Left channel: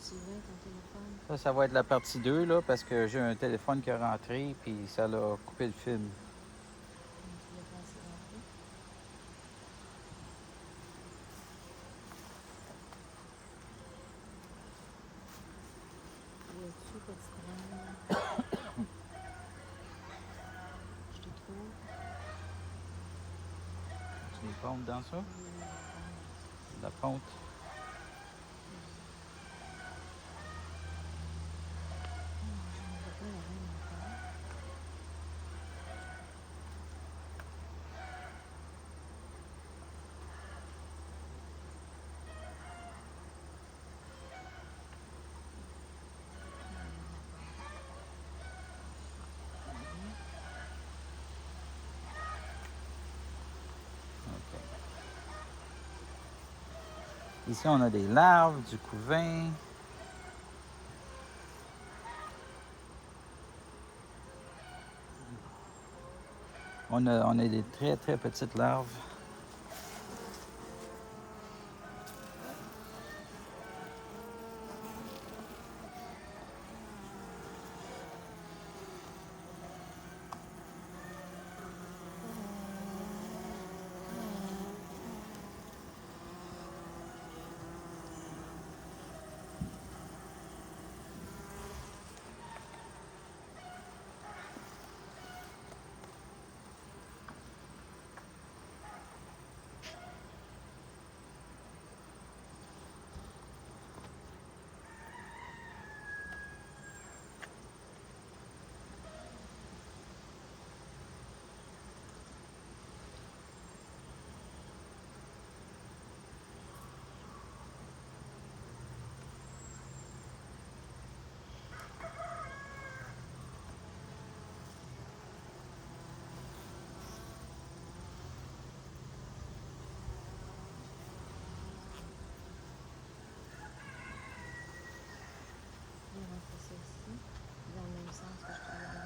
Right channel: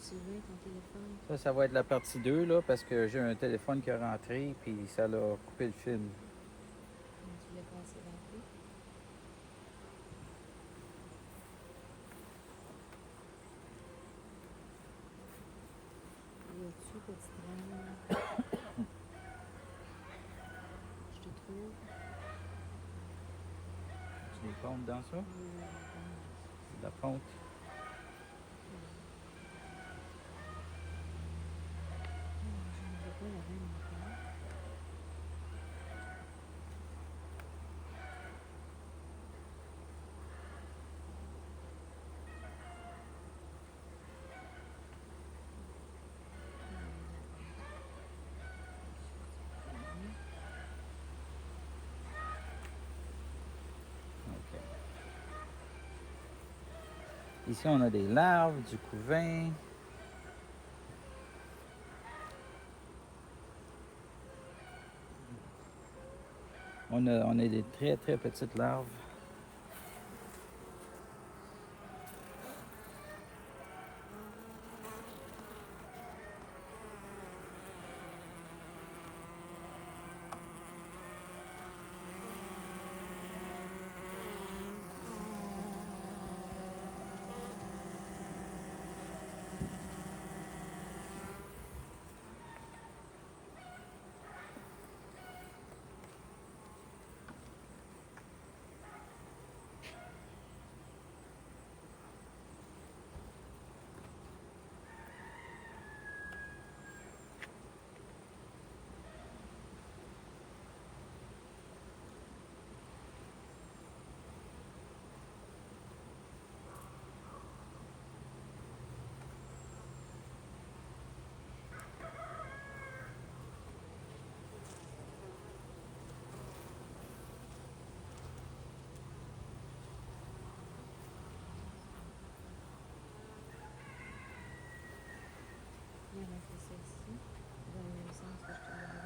Sylvain, ton téléphone. Ça va être la partie 2, là, parce que j'ai un téléphone qui est rentré, puis ça l'a coupé le film. Tu l'as passé rentrer. Où es-tu, petite reine? Je te trouve. Tu me comptes dans ça? Oui, oui, La fonte. je ne vois pas la reine encore. OK. Ici, on a des larves, du couvain. On a des très, très petites larves. Je vais rentrer ça ici, dans le même sens que je te l'ai donné.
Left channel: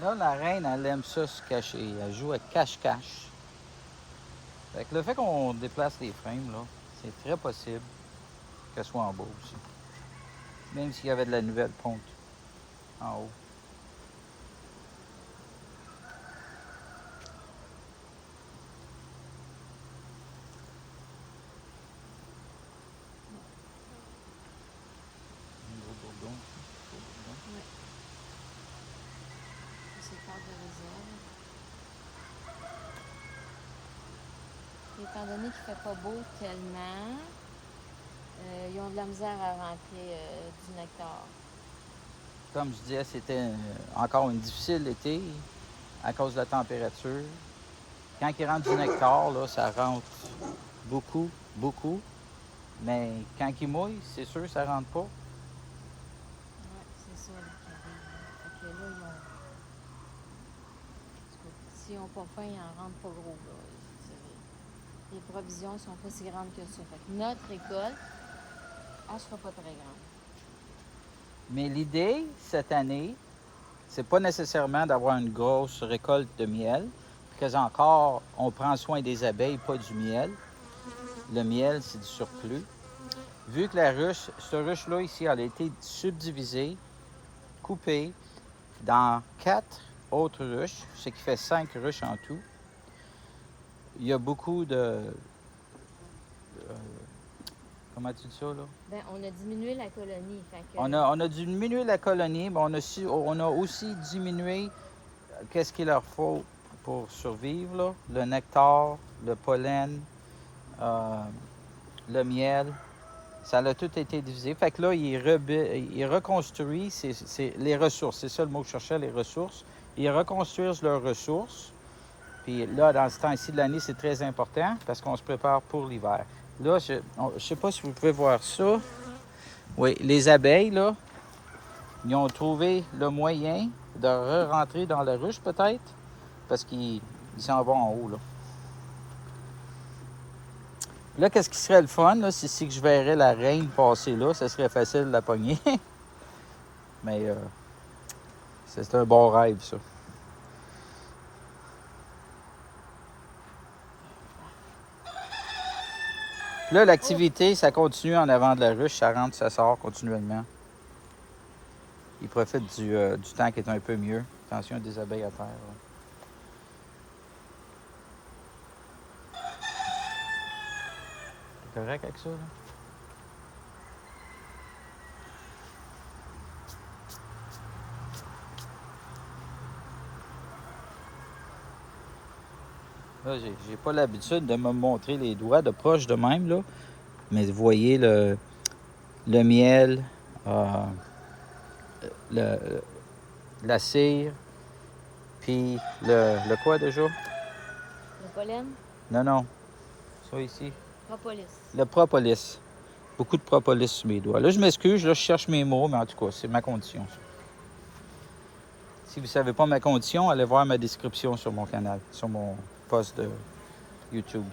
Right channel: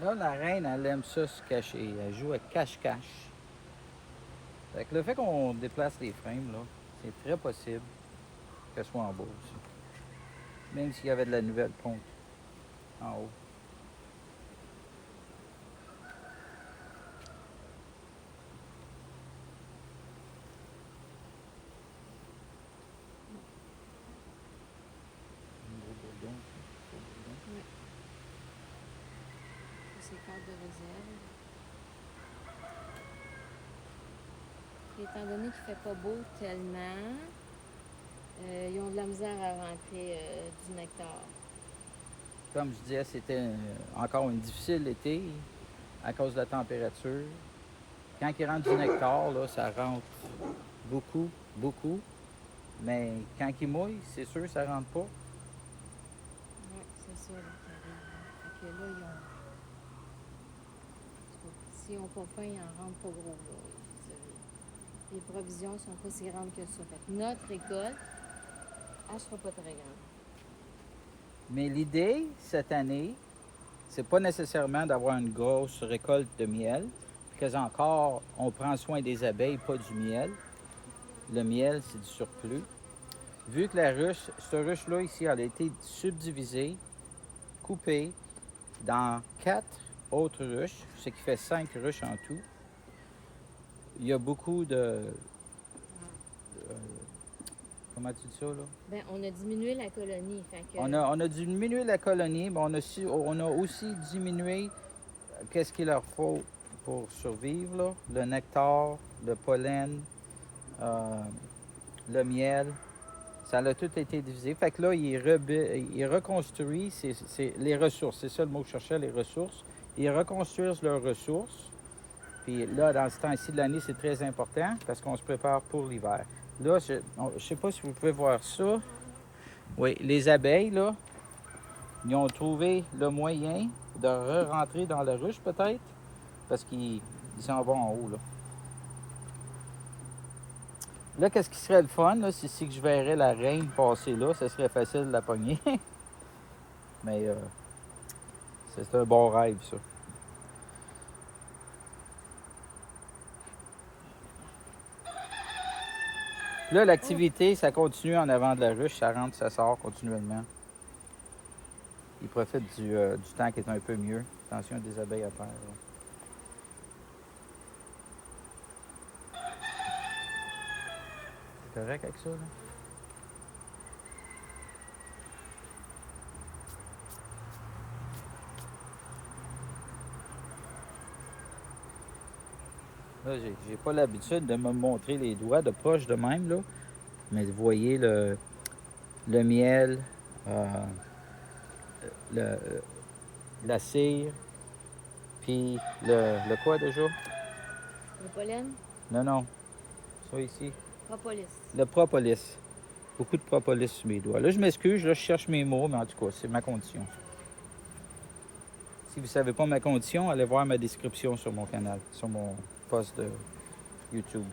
Là, la reine, elle aime ça se cacher. Elle joue à cache-cache. Fait que le fait qu'on déplace les frames, là, c'est très possible qu'elle soit en bas aussi. Même s'il y avait de la nouvelle ponte en haut. Un gros bourdon. Gros bourdon. Oui. C'est carte de réserve. Étant donné qu'il ne fait pas beau tellement, ils ont de la misère à rentrer du nectar. Comme je disais, c'était encore une difficile été à cause de la température. Quand il rentre du nectar, là, ça rentre beaucoup, beaucoup. Mais quand il mouille, c'est sûr que ça rentre pas. Oui, c'est ça là, qui arrive. Fait que là, ils ont. S'ils n'ont pas faim, ils n'en rentrent pas gros. Là. Je veux dire, les provisions sont pas si grandes que ça. Fait que notre récolte, elle ne sera pas très grande. Mais l'idée, cette année, c'est pas nécessairement d'avoir une grosse récolte de miel, parce encore, on prend soin des abeilles, pas du miel. Le miel, c'est du surplus. Vu que la ruche, cette ruche-là ici, elle a été subdivisée, coupée dans 4 autres ruches, ce qui fait 5 ruches en tout. Il y a beaucoup de comment tu dis ça, là? Ben, on a diminué la colonie. Fait que... On a diminué la colonie, mais on a aussi diminué qu'est-ce qu'il leur faut pour survivre, là. Le nectar, le pollen, le miel. Ça a tout été divisé. Fait que là, il reconstruit les ressources. C'est ça le mot que je cherchais, les ressources. Ils reconstruisent leurs ressources. Puis là, dans ce temps-ci de l'année, c'est très important parce qu'on se prépare pour l'hiver. Là, je ne sais pas si vous pouvez voir ça. Oui, les abeilles, là, ils ont trouvé le moyen de re-rentrer dans la ruche, peut-être, parce qu'ils s'en vont en haut, là. Là, qu'est-ce qui serait le fun, là, si que je verrais la reine passer là, ça serait facile de la pogner. Mais c'est un bon rêve, ça. Puis là, l'activité, ça continue en avant de la ruche, ça rentre, ça sort continuellement. Ils profitent du temps qui est un peu mieux. Attention, il y a des abeilles à terre. Là. C'est correct avec ça, là? Là, j'ai pas l'habitude de me montrer les doigts de proche de même, là. Mais vous voyez le miel, le, la cire, puis le quoi déjà? Le pollen, Non, non. Ça ici. propolis. Le propolis. Beaucoup de propolis sur mes doigts. Là, je m'excuse, là, je cherche mes mots, mais en tout cas, c'est ma condition. Ça. Si vous ne savez pas ma condition, allez voir ma description sur mon canal, sur mon post de YouTube.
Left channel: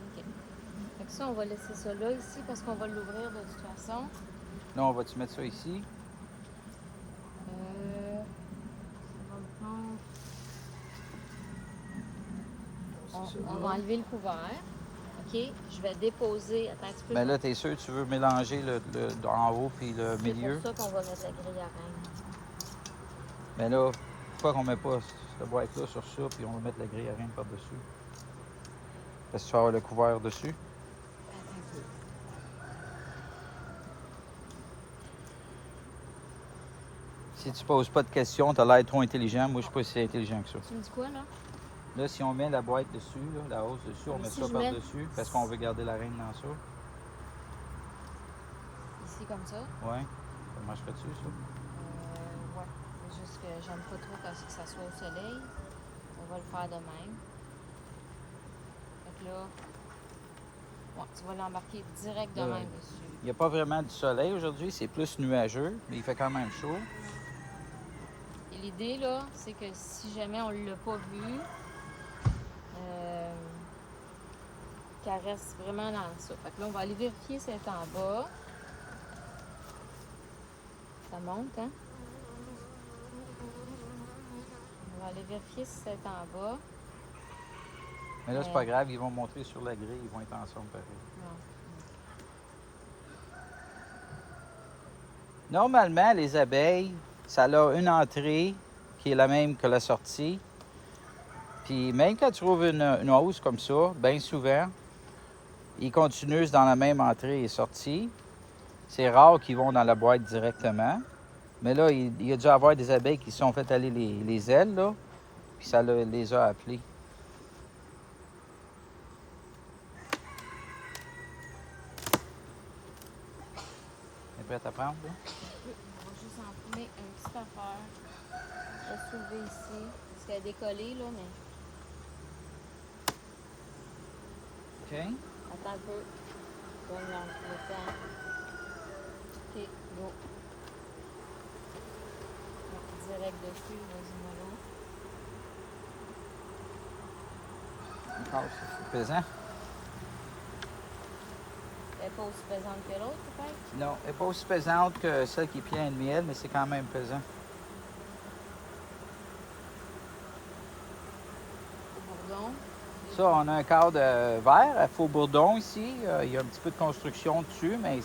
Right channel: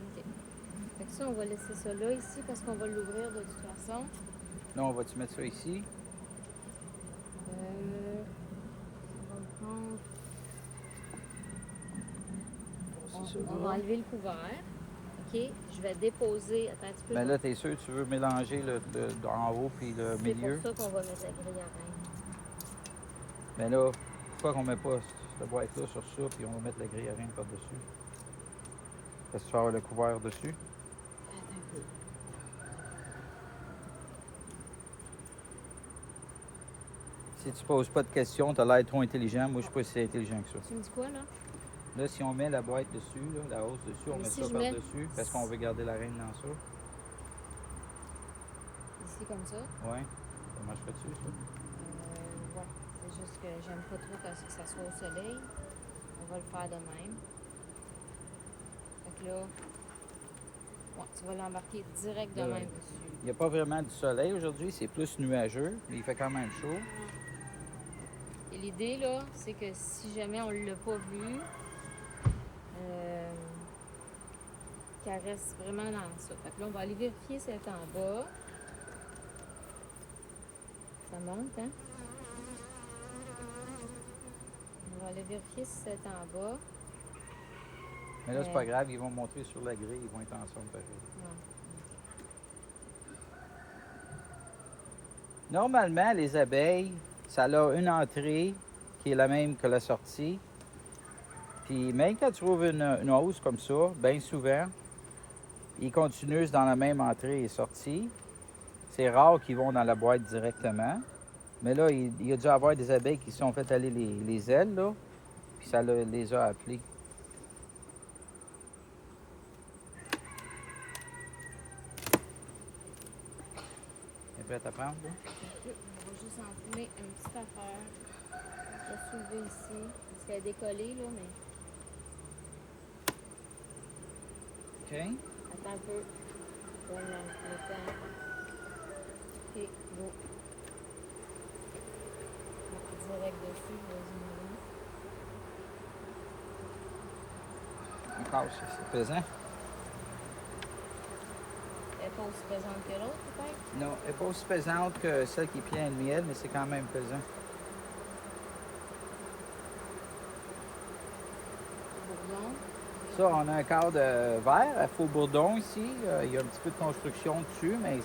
OK. Fait que ça, on va laisser ça là, ici, parce qu'on va l'ouvrir de toute façon. Là, on va-tu mettre ça ici? On va le prendre. C'est On va enlever le couvert. OK. Je vais déposer. Attends un petit peu. Mais là, t'es sûr que tu veux mélanger le en haut puis le milieu? C'est pour ça qu'on va mettre la grille à reine. Mais là, pourquoi qu'on met pas cette boîte-là sur ça puis on va mettre la grille à reine par-dessus? Parce que tu vas avoir le couvert dessus. Attends un peu. Si tu poses pas de questions, t'as l'air trop intelligent. Moi, je suis pas si intelligent que ça. Tu me dis quoi, là? Là, si on met la boîte dessus, là, la hausse dessus, on Mais met si ça je mets- par-dessus parce qu'on veut garder la reine dans ça. Ici, comme ça. Ouais. Ça marcherait-tu, ça? Ouais. C'est juste que j'aime pas trop quand ça soit au soleil. On va le faire de même. Fait que là, ouais, tu vas l'embarquer direct de Ouais. même dessus. Il n'y a pas vraiment du soleil aujourd'hui, c'est plus nuageux, mais il fait quand même chaud. Et l'idée, là, c'est que si jamais on l'a pas vu, qu'elle reste vraiment dans ça. Fait que là, on va aller vérifier si elle est en bas. Ça monte, hein? On va aller vérifier si c'est en bas. Mais là, c'est pas grave, ils vont montrer sur la grille, ils vont être ensemble pareil. Non. Normalement, les abeilles, ça a une entrée qui est la même que la sortie. Puis même quand tu trouves une hausse comme ça, bien souvent, ils continuent dans la même entrée et sortie. C'est rare qu'ils vont dans la boîte directement. Mais là, il y a dû avoir des abeilles qui se sont fait aller les ailes, là, puis ça les a appelés. T'es prête à prendre, là? On va juste empiler une petite affaire. Je vais soulever ici. Parce qu'elle est décollée, là, mais OK. attends un peu. Donne le temps. OK, go. Direct dessus, vas-y, maman. Encore, c'est pesant. Elle n'est pas aussi pesante que l'autre, peut-être? Non, elle n'est pas aussi pesante que celle qui est pleine de miel, mais c'est quand même pesant. Bourdon. Ça, on a un cadre vert à Faux-Bourdon ici. Il y a un petit peu de construction dessus, mais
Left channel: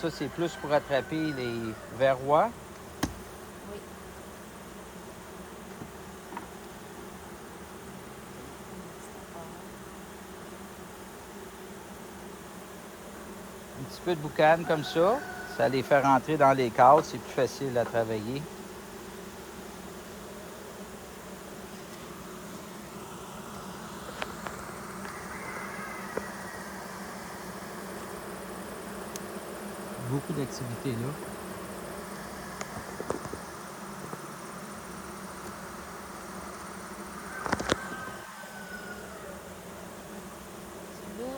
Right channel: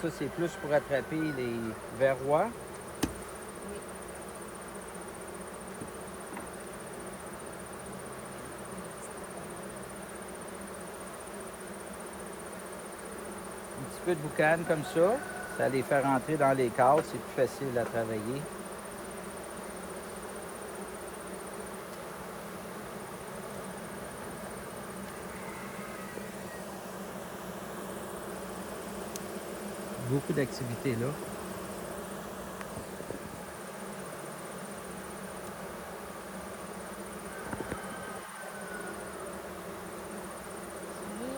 ça, c'est plus pour attraper les verrois. Un petit peu de boucane comme ça les fait rentrer dans les cadres, c'est plus facile à travailler. Beaucoup d'activités là. Là,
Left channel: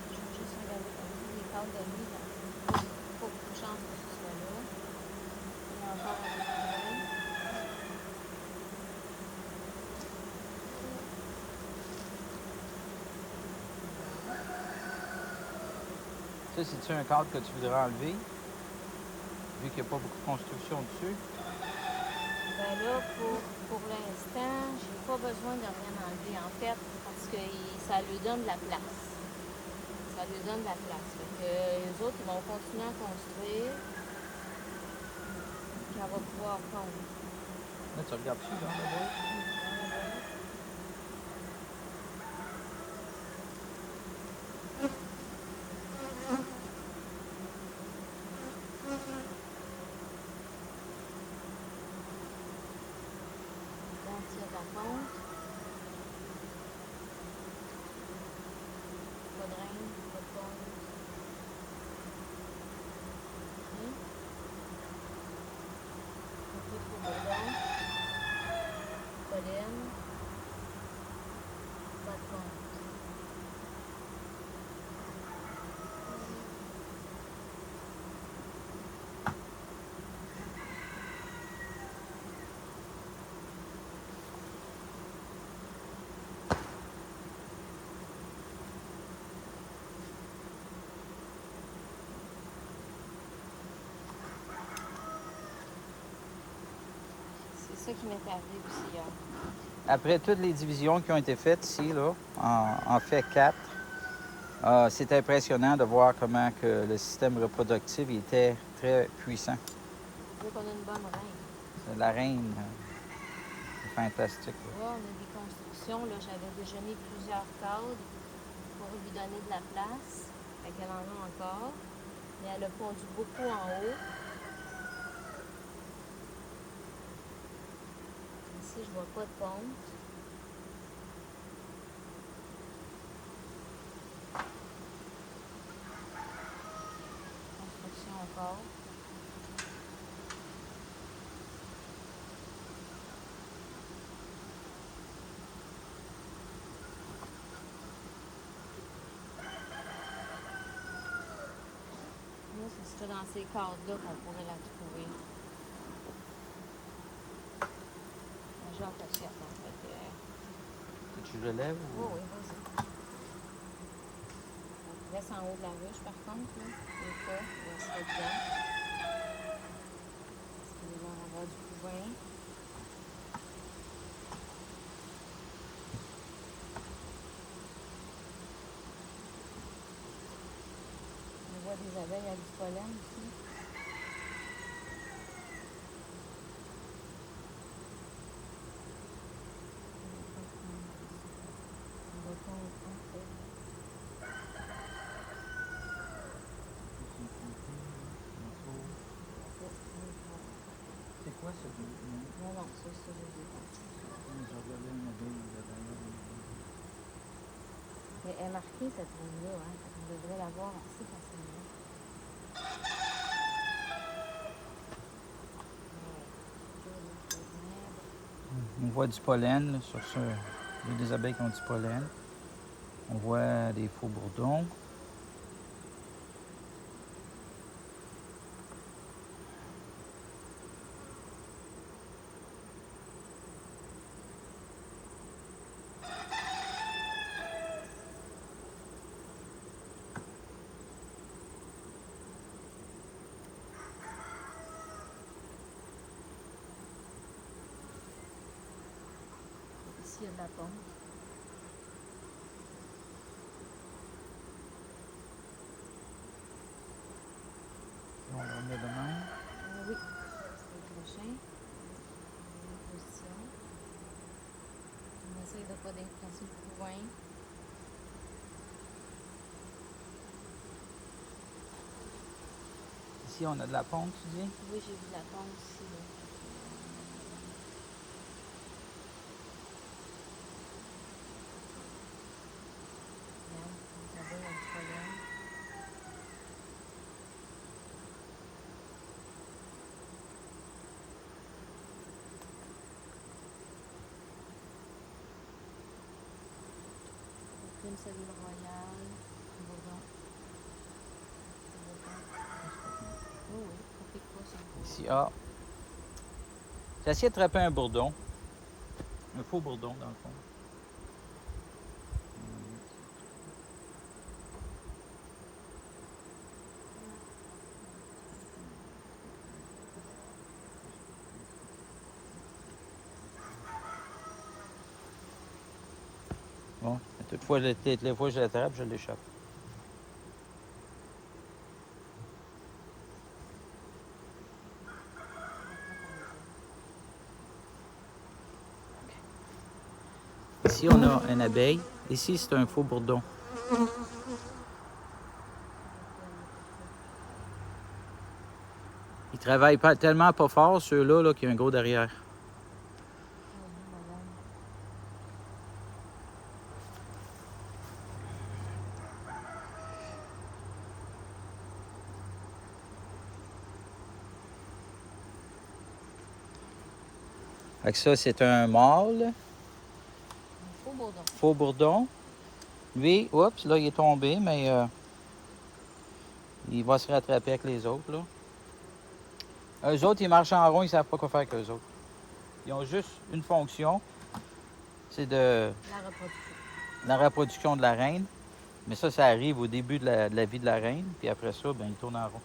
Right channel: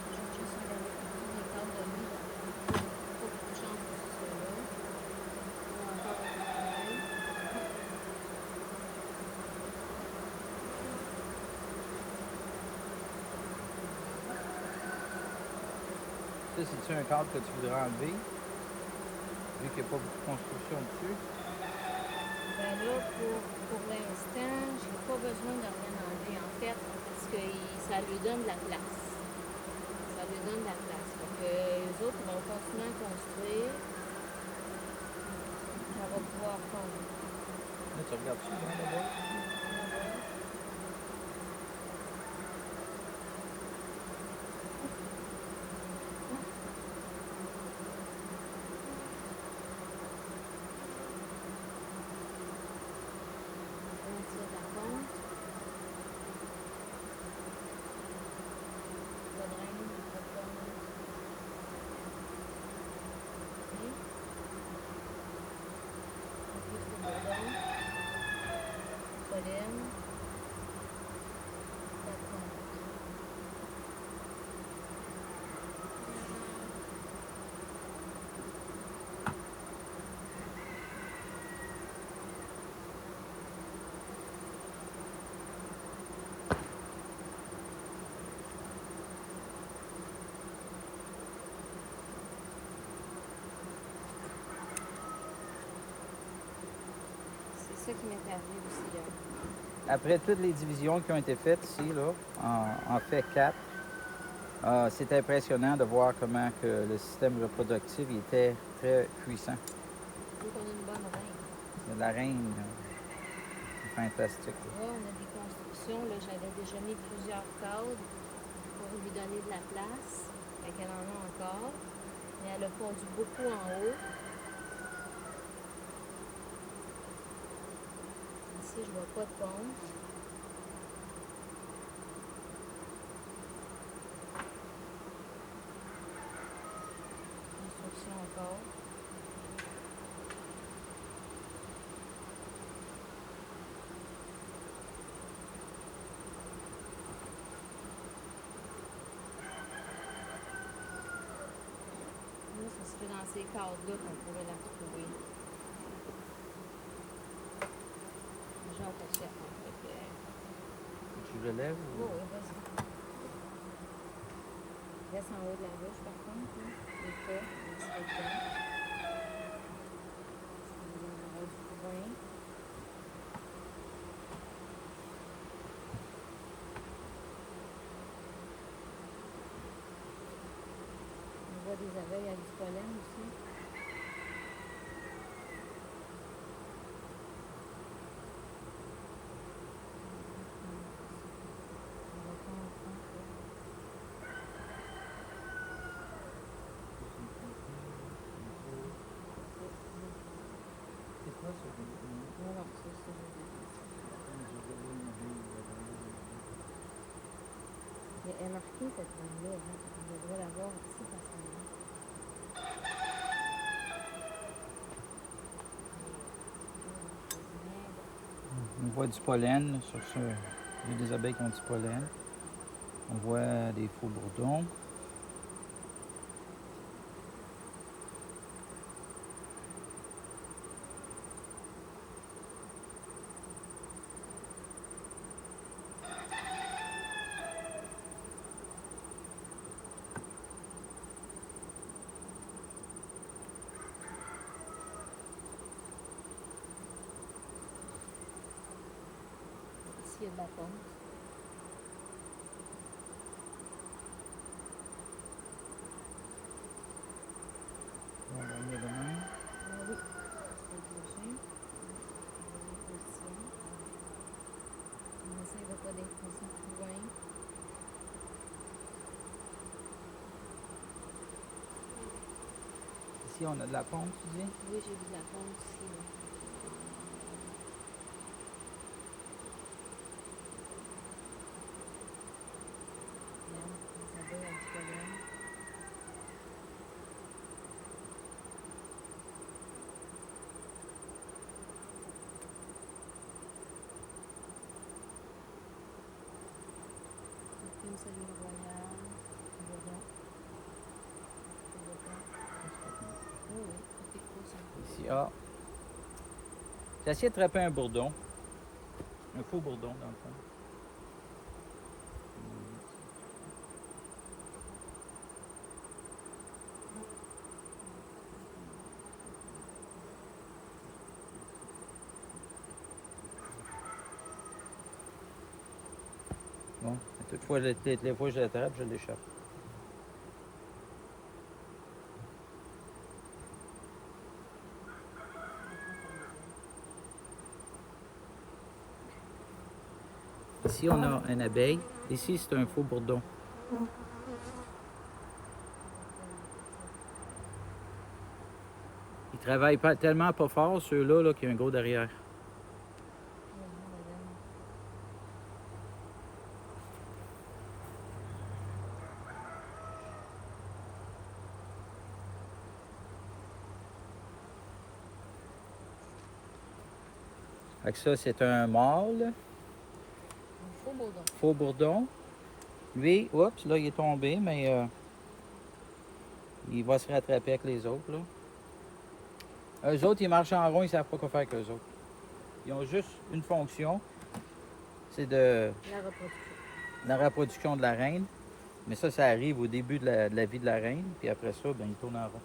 je vais juste regarder les cadres de nuit. Il faut que je change de ce là. Il y a encore un travail. Tu sais, c'est-tu un cadre que tu voudrais enlever, vu qu'il n'y a pas beaucoup de construction dessus? Ben là, pour l'instant, j'ai pas besoin de rien enlever, en fait, parce que ça lui donne de la place. Ça lui donne de la place. Fait que les autres, ils vont continuer à construire. Ça va pouvoir fondre. Là, tu regardes-tu dans la boîte? Là, tu vas la fondre. Le drain, le fond. Oui. Un peu de bourdon. Pollen. Pas de fond. C'est ça qui m'est arrivé aussi. Après toutes les divisions qui ont été faites ici, là, en fait 4, c'est impressionnant de voir comment que le système reproductif était très puissant. Je veux qu'on ait une bonne reine. C'est la reine fantastique. Là. Là, on a des constructions. Là, j'avais déjà mis plusieurs cadres pour lui donner de la place. Fait qu'elle en a encore. Mais elle a fondu beaucoup en haut. Ici, je vois pas de ponce. Construction encore. Là, ce serait dans ces cadres-là qu'on pourrait la trouver. Un jour, on fait chef, en fait. Tu relèves? Oh, oui, vas-y. Reste en haut de la ruche, par contre. Hein. Le pas, il serait dedans. Parce qu'il va en avoir du couvain. On voit des abeilles à du pollen aussi. On va pas en prendre. C'est quoi ça? Non, non, ça, je l'ai pas. Mais elle est marquée cette ligne-là, hein. On devrait l'avoir assez facilement. On voit du pollen là, sur ça. Il y a des abeilles qui ont du pollen. On voit des faux bourdons. Ici, il y a de la ponce. On va mettre de même. Oui, c'est le prochain. Position. On essaye de ne pas déplacer plus loin. Ici, on a de la pompe, tu dis? Oui, j'ai vu de la ponce ici. Là. Regarde, les abeilles ont du pollen. Une cellule royale, bourdon. Oh oui, ça pique pas ça. Ici, ah. J'ai essayé de attraper un bourdon. Un faux bourdon, dans le fond. Toutefois, les fois que je l'attrape, je l'échappe. Ici, on a une abeille. Ici, c'est un faux bourdon. Ils travaillent pas, tellement pas fort, ceux-là, là, qu'il y a un gros derrière. Fait que ça, c'est un mâle, Faux bourdon. faux bourdon. Lui, oups, là, il est tombé, mais il va se rattraper avec les autres, là. Eux autres, ils marchent en rond, ils savent pas quoi faire avec eux autres. Ils ont juste une fonction, c'est de La reproduction. la reproduction de la reine. Mais ça arrive au début de la vie de la reine, puis après ça, ben, ils tournent en rond.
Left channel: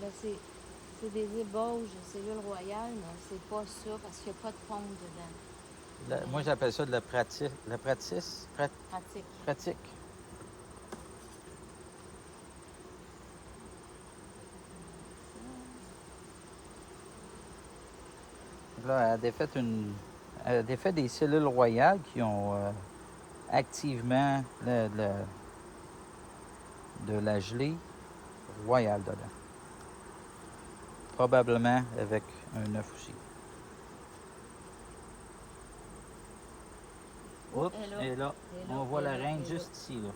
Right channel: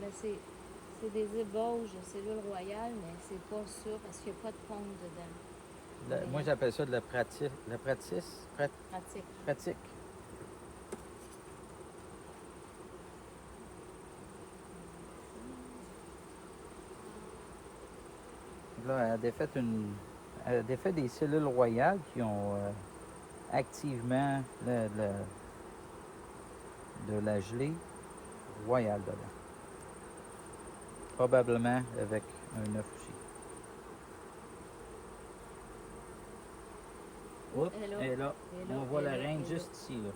Ben, c'est des ébauches de cellules royales, mais c'est pas ça parce qu'il n'y a pas de pompe dedans. Moi, j'appelle ça de la pratique. Pratique. Pratique. Là, elle a défait des cellules royales qui ont activement de la gelée royale dedans. Probablement avec un œuf aussi. Oups, Elle est là. elle est là. Elle est là, On voit elle la est là, reine elle est là. juste ici. Là.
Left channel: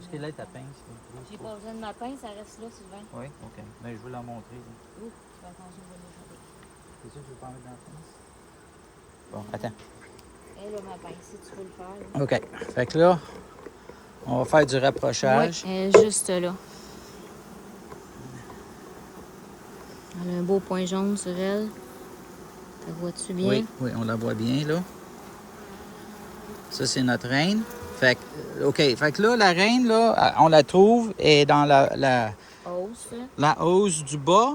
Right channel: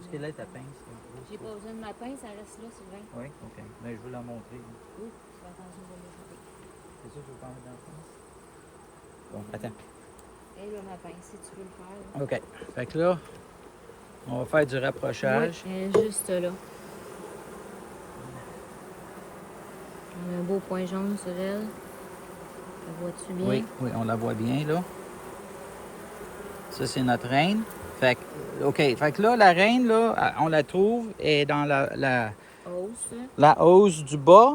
Est-ce qu'elle est ta pince? J'ai pas besoin de ma pince, ça reste là, Sylvain. Oui, ok. Mais je veux la montrer. Ouh, tu vas attention, on va l'échapper. C'est sûr que je veux pas en mettre dans la pince? Bon, attends. Elle a ma pince, si tu veux le faire. Là. OK. Fait que là, on va faire du rapprochage. Oui, elle est juste là. Elle a un beau point jaune sur elle. La vois-tu bien? Oui, oui, on la voit bien, là. Ça, c'est notre reine. Fait que, OK. Fait que là, la reine, là, on la trouve et dans Hausse, là. la hausse du bas.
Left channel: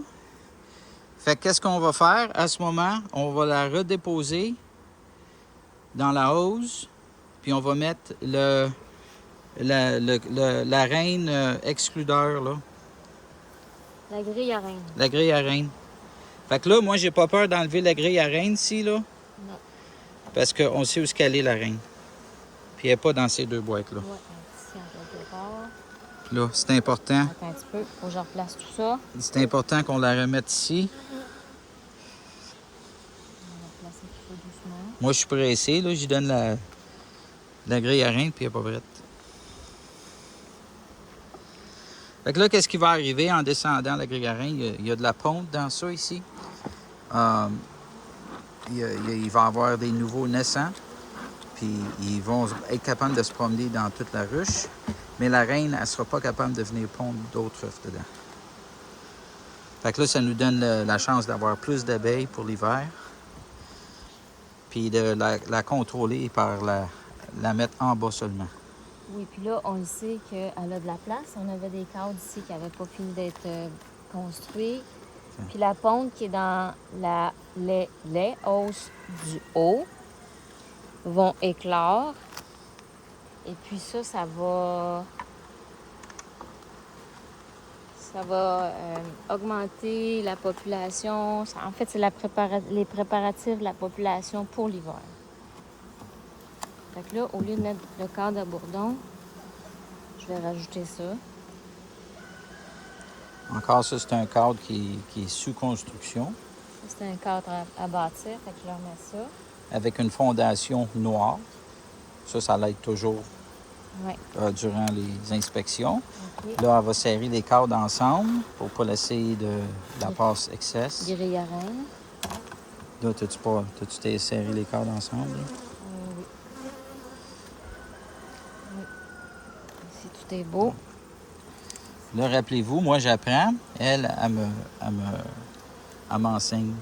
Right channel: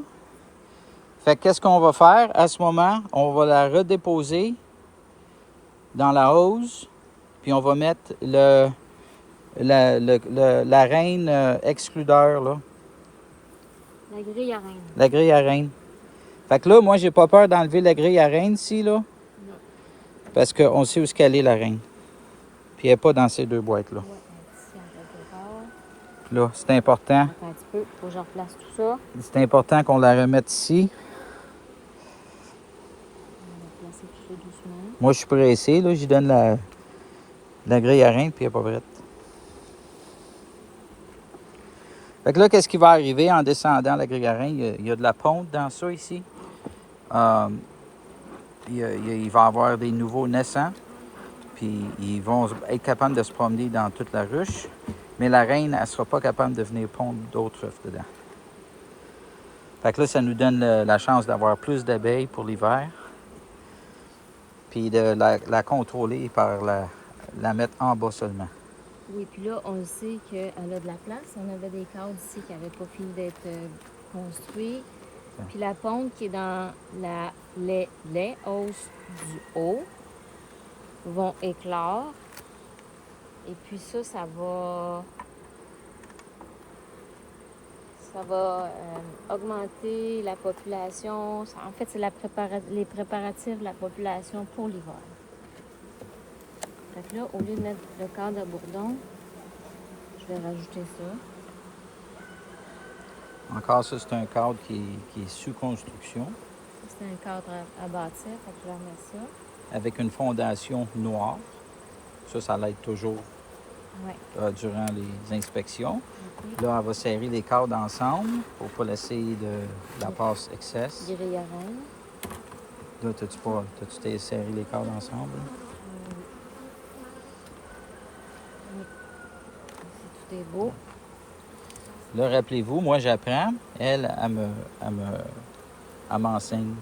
Fait que qu'est-ce qu'on va faire à ce moment? On va la redéposer dans la hausse, puis on va mettre la reine excludeur, là. La grille à reine. La grille à reine. Fait que là, moi, j'ai pas peur d'enlever la grille à reine ici, là. Non. Parce qu'on sait où est-ce qu'elle est, la reine. Puis elle n'est pas dans ces deux boîtes-là. Ouais, ici, on Puis là, c'est important. un petit peu. Faut que je replace tout ça. C'est important qu'on la remette ici. On va replacer tout ça doucement. Moi, je suis pressé, là. J'y donne la grille à reine, puis elle n'est pas prête. Fait que là, qu'est-ce qui va arriver en descendant la grille à reine? Il y a de la ponte dans ça, ici. Il va y avoir des nouveaux naissants. Puis ils vont être capables de se promener dans toute la ruche. Mais la reine, elle ne sera pas capable de venir pondre d'autres œufs dedans. Fait que là, ça nous donne la chance d'avoir plus d'abeilles pour l'hiver. Puis de la contrôler par la mettre en bas seulement. Oui, puis là, on sait qu'elle a de la place. On avait des cadres ici qui n'avaient pas fini d'être construits. Tiens. Puis la ponte qui est dans les hausses du haut vont éclore. Et puis ça va augmenter la population. En fait, c'est les préparatifs de la population pour l'hiver. Fait que là, au lieu de mettre le cadre à bourdon, je vais rajouter ça. Encore, ça, c'est un cadre qui est sous construction. Ça, c'est un cadre à bâtir, fait que je leur mets ça. Avec une fondation noire. Ça l'aide toujours Ouais. durant les inspections. OK. Là, elle va serrer les cadres ensemble pour ne pas laisser de la passe excess. Grille à reine. Là, t'as-tu serré les cadres ensemble? Là? Oui. Oui. Ici, tout est beau. Là, rappelez-vous, moi, j'apprends. Elle m'enseigne.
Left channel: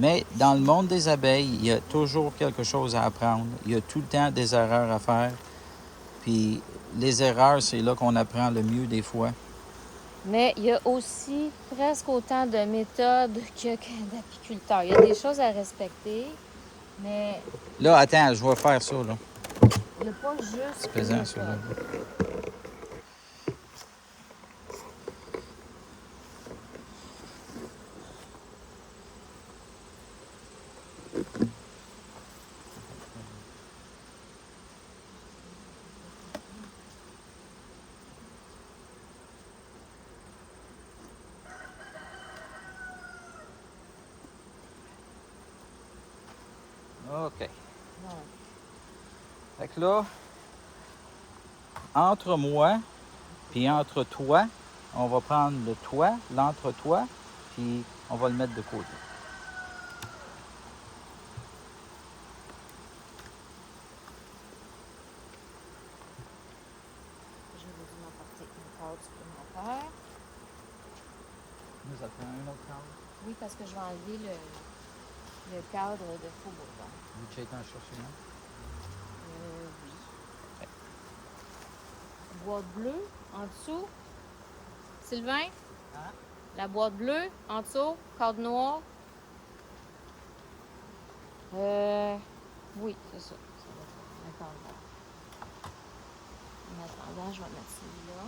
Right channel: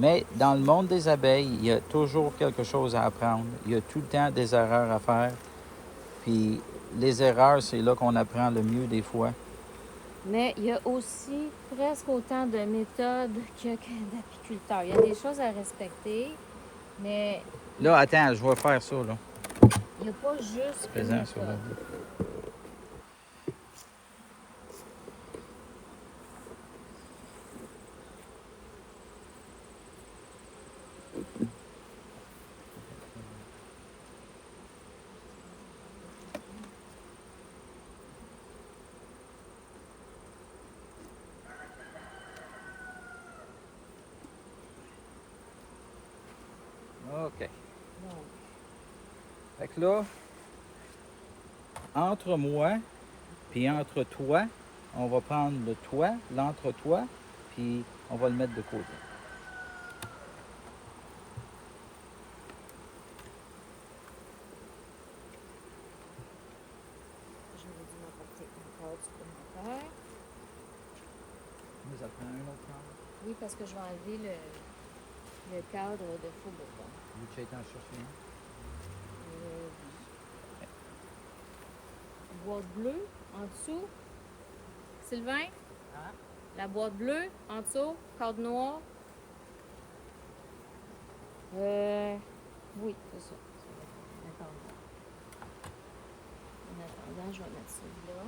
Mais dans le monde des abeilles, il y a toujours quelque chose à apprendre. Il y a tout le temps des erreurs à faire. Puis les erreurs, c'est là qu'on apprend le mieux des fois. Mais il y a aussi presque autant de méthodes que d'apiculteurs. Il y a des choses à respecter, mais Là, attends, je vais faire ça, là. il n'y a pas juste C'est une pesant, ça, là. méthode. OK. Bon. Fait que là, entre moi puis entre toi, on va prendre le toit, l'entre-toi, puis on va le mettre de côté. J'aurais dû m'apporter une corde supplémentaire. Nous appelons un autre cadre. Oui, parce que je vais enlever le cadre de faux bourbon. Vous checkez un chercheur. Oui. Boîte bleue en dessous. Sylvain? Hein? La boîte bleue en dessous, cadre noir. Oui, c'est ça. Ça va faire. En attendant, je vais mettre celui-là.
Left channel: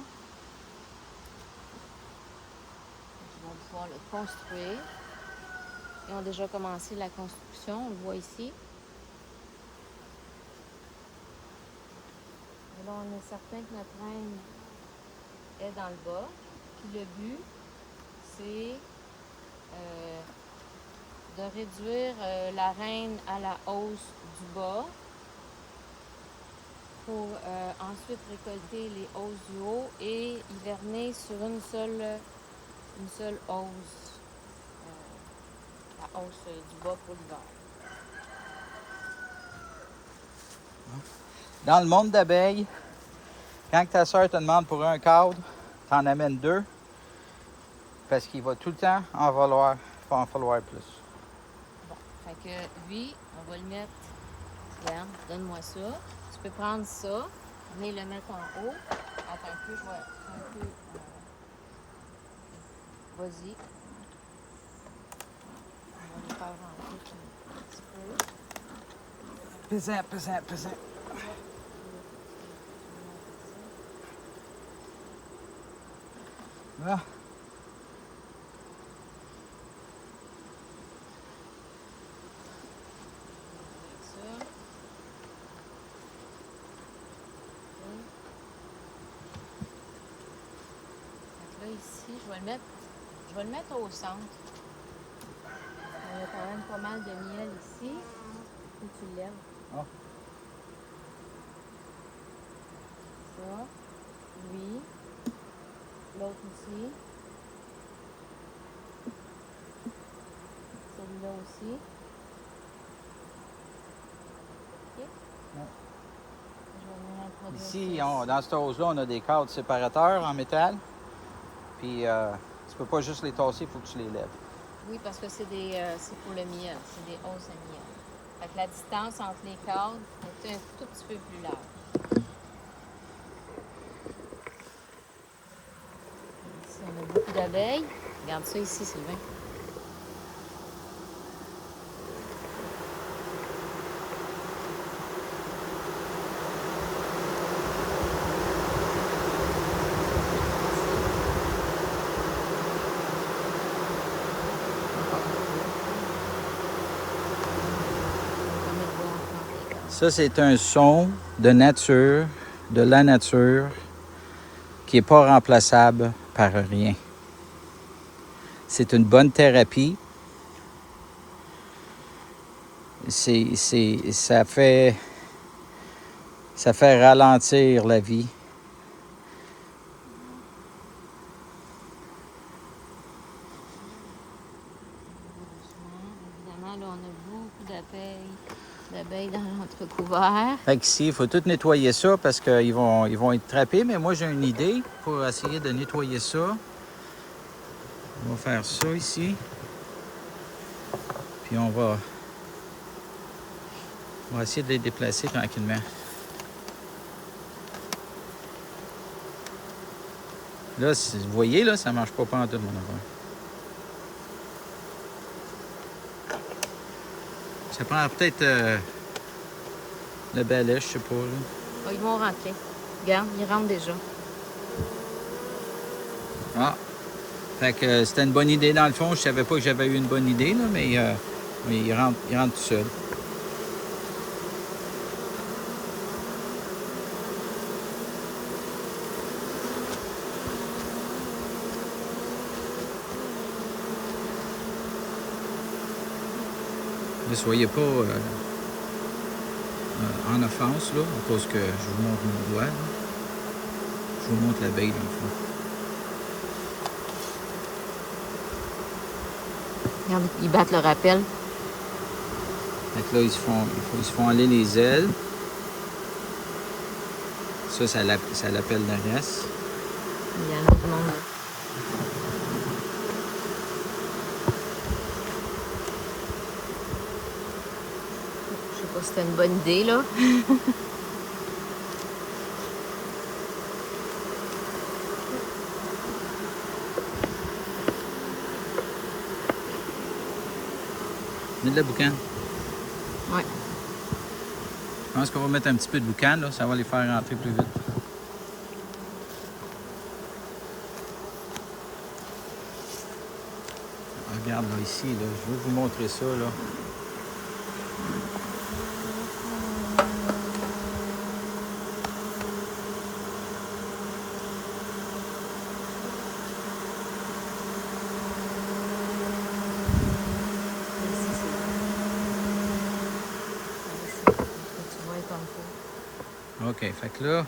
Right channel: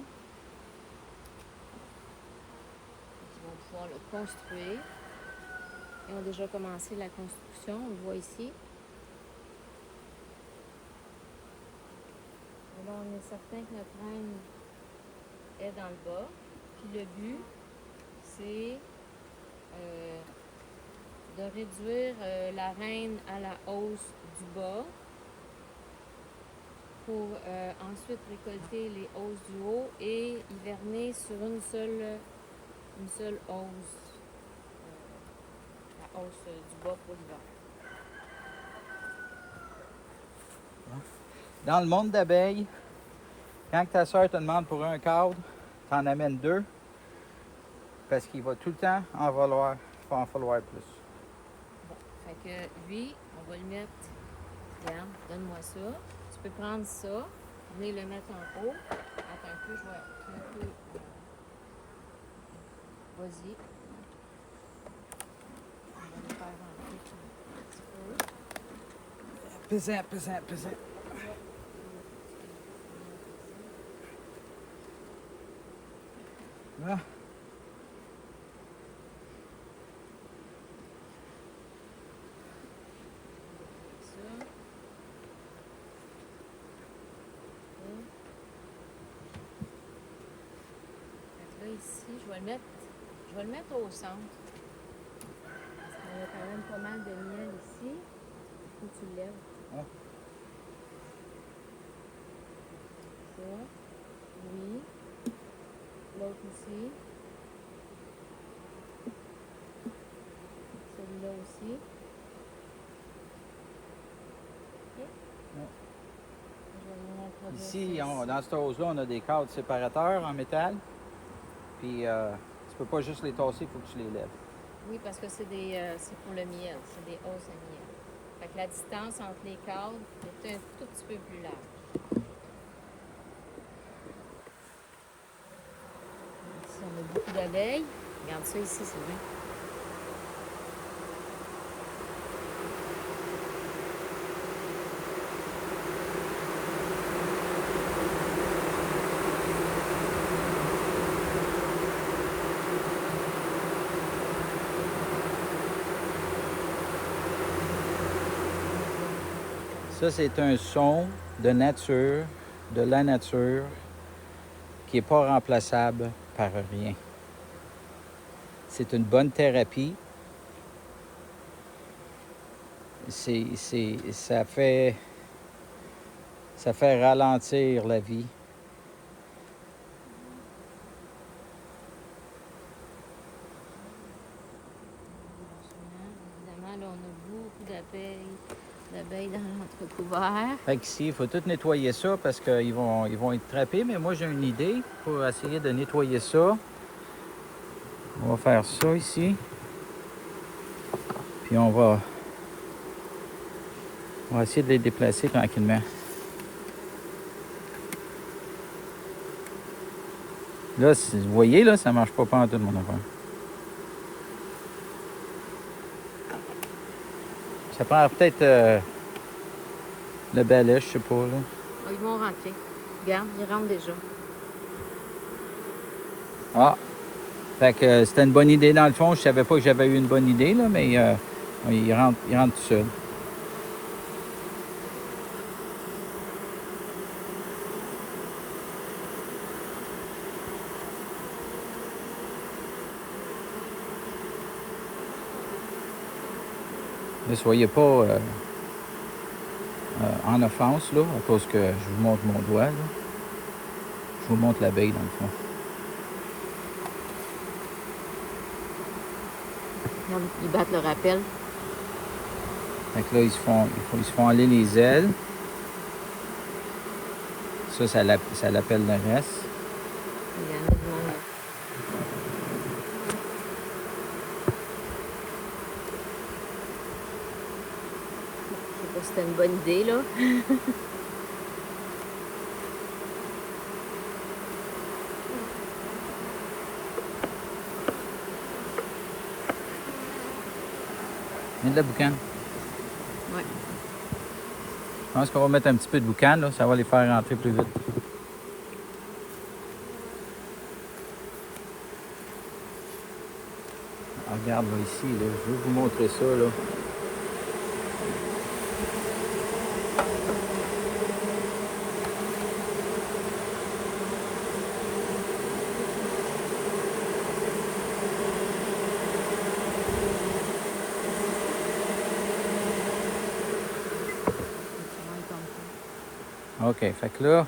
Ils vont pouvoir le construire. Ils ont déjà commencé la construction, on le voit ici. Et là, on est certain que notre reine est dans le bas. Puis le but, c'est de réduire la reine à la hausse du bas pour ensuite récolter les hausses du haut et hiverner sur une seule hausse. La hausse du bas pour l'hiver. Dans le monde d'abeilles, quand ta soeur te demande pour un cadre, t'en amènes deux. Parce qu'il va tout le temps en falloir plus. Bon, fait que lui, on va le mettre. Regarde, donne-moi ça. Tu peux prendre ça, venir le mettre en haut. Attends un peu, je vais un peu. Vas-y. On va le faire en tout un petit peu. Pesant, pesant, pesant. Là. Ça. Là, ici, je vais le mettre au centre. On a quand même pas mal de miel ici. Faut que tu le lèves. Ah. Ça. Oui. L'autre aussi. Celui-là aussi. OK? Ouais. Je vais venir introduire Ici, ça dans cette hausse-là, on a des cadres séparateurs en métal. Puis, tu peux pas juste les tasser, il faut que tu les lèves. Oui, parce que c'est pour le miel. C'est des hausses à miel. Fait que la distance entre les cadres est un tout petit peu plus large. Ici, on a beaucoup d'abeilles. Regarde ça ici, Sylvain. Ça, c'est un son de nature, de la nature, qui n'est pas remplaçable par rien. C'est une bonne thérapie. Ça fait ralentir la vie. Évidemment, là, on a beaucoup d'abeilles dans l'entrecouvert. Fait qu'ici, il faut tout nettoyer ça parce qu'ils vont être trappés. Mais moi, j'ai une idée pour essayer de nettoyer ça. On va faire ça ici. Puis on va essayer de les déplacer tranquillement. Là, si vous voyez, là, ça marche pas en tout, mon enfant. Ça prend peut-être le balai, je sais pas, là. Oh, ils vont rentrer. Regarde, ils rentrent déjà. Ah! Fait que c'était une bonne idée dans le fond. Je savais pas que j'avais eu une bonne idée, là, mais il rentre tout seul. Ne soyez pas en offense, là, à cause que je vous montre mon doigt, là. Je vous montre l'abeille, dans le fond. Regarde, ils battent le rappel. Fait que là, ils se font aller les ailes. Ça l'appelle le reste. Il y en a du monde. Je sais pas si c'était une bonne idée, là. Mets de la boucane. Ouais. Je pense qu'on va mettre un petit peu de boucan, là, ça va les faire rentrer plus vite. Ah, regarde là, ici, là, je veux vous montrer ça. Là. OK, fait que là,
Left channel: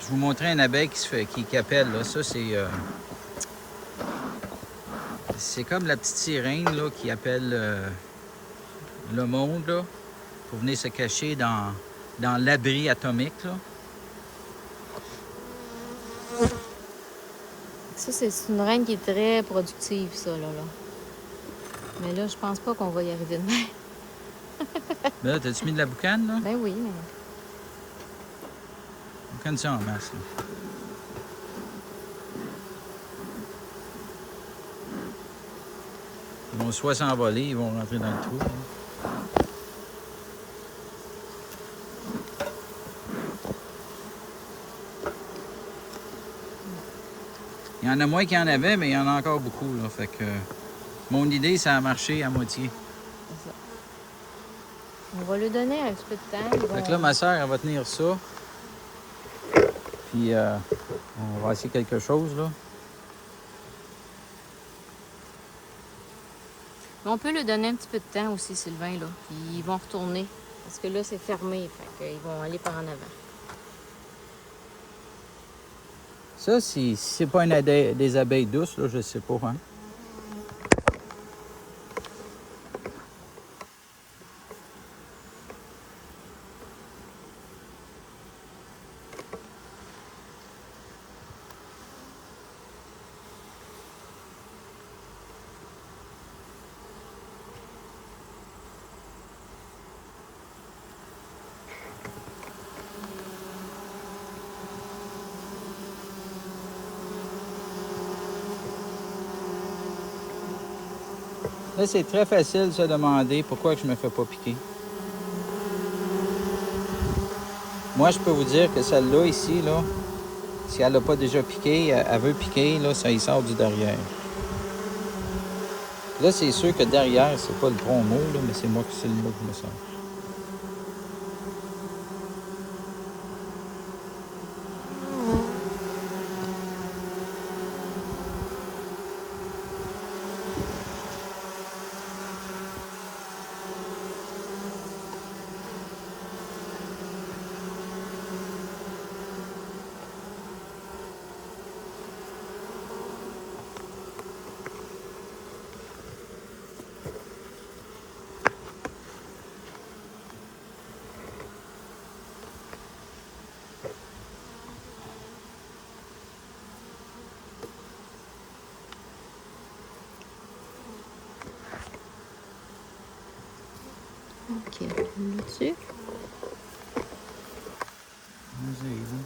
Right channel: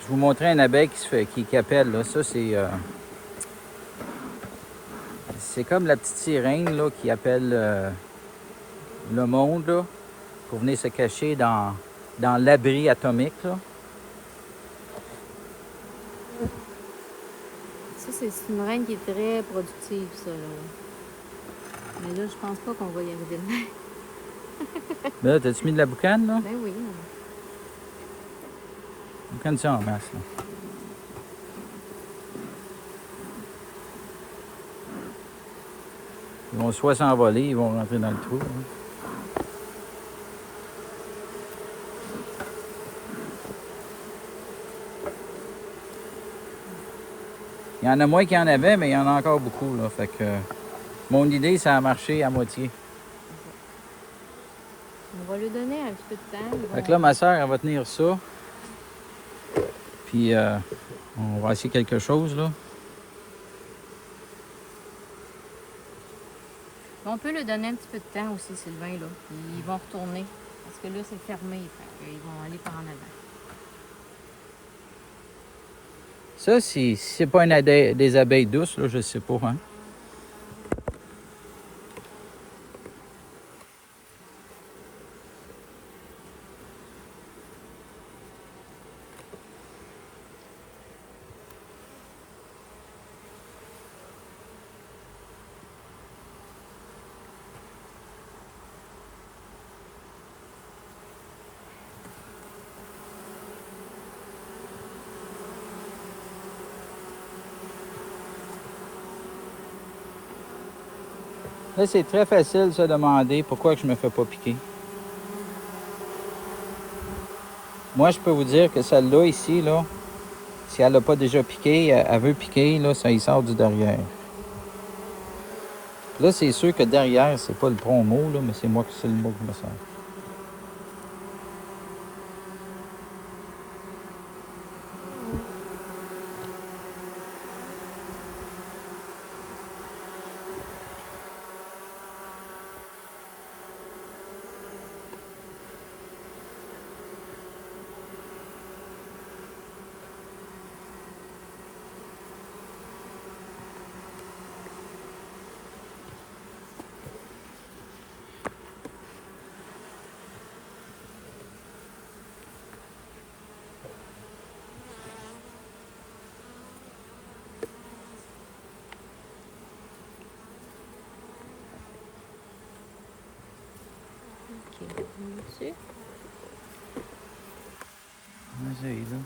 je vous montrais une abeille qui appelle. Là. Ça, c'est comme la petite sirène là, qui appelle le monde là, pour venir se cacher dans l'abri atomique. Là. Ça, c'est une reine qui est très productive, ça, là. Mais là, je pense pas qu'on va y arriver demain. Là, t'as-tu mis de la boucane, là? Ben oui, mais... Boucane ça en masse, là. Ils vont soit s'envoler, ils vont rentrer dans le trou. Là. Il y en a moins qu'il y en avait, mais il y en a encore beaucoup. Là. Fait que mon idée, ça a marché à moitié. On va lui donner un petit peu de temps. Fait que là, ma soeur, elle va tenir ça. Puis, on va essayer quelque chose, là. On peut lui donner un petit peu de temps aussi, Sylvain, là. Puis ils vont retourner. Parce que là, c'est fermé. Fait qu'ils vont aller par en avant. Ça, si c'est pas des abeilles douces, là, je sais pas, hein. Là, c'est très facile de se demander pourquoi je me fais pas piquer. Moi, je peux vous dire que celle-là, ici, là, si elle l'a pas déjà piqué, elle veut piquer, là, ça y sort du derrière. Là, c'est sûr que derrière, c'est pas le tronc mot, là, mais c'est moi qui c'est le mot que je me sens. OK. Là-dessus. Vas-y, là.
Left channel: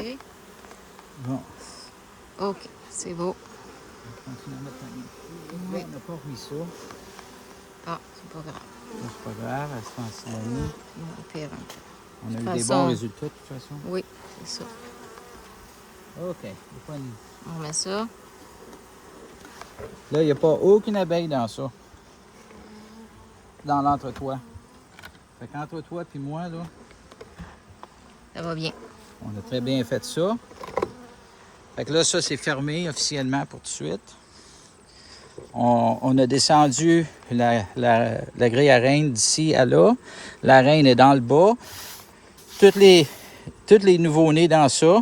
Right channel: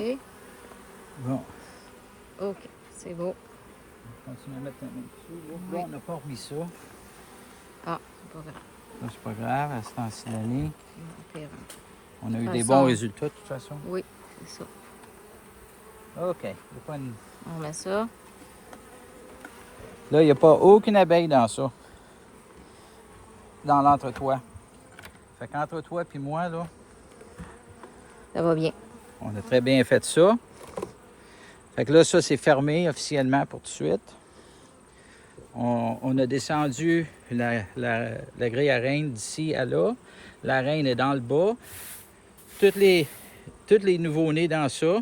OK. Bon, OK, c'est beau. on continue à mettre un dessus. Là, Oui. on n'a pas remis ça. Ah, c'est pas grave. C'est pas grave, elle sera en sidonie. Bon, pire un peu. On a eu De des toute bons façon- résultats de toute façon. Oui, c'est ça. OK. On met ça. Là, il n'y a pas aucune abeille dans ça. Dans l'entretoit. Fait qu'entre toi et moi, là, Ça va bien. on a très bien fait ça. Fait que là, ça, c'est fermé officiellement pour tout de suite. On a descendu la grille à reine d'ici à là. La reine est dans le bas. Tous les nouveaux-nés dans ça,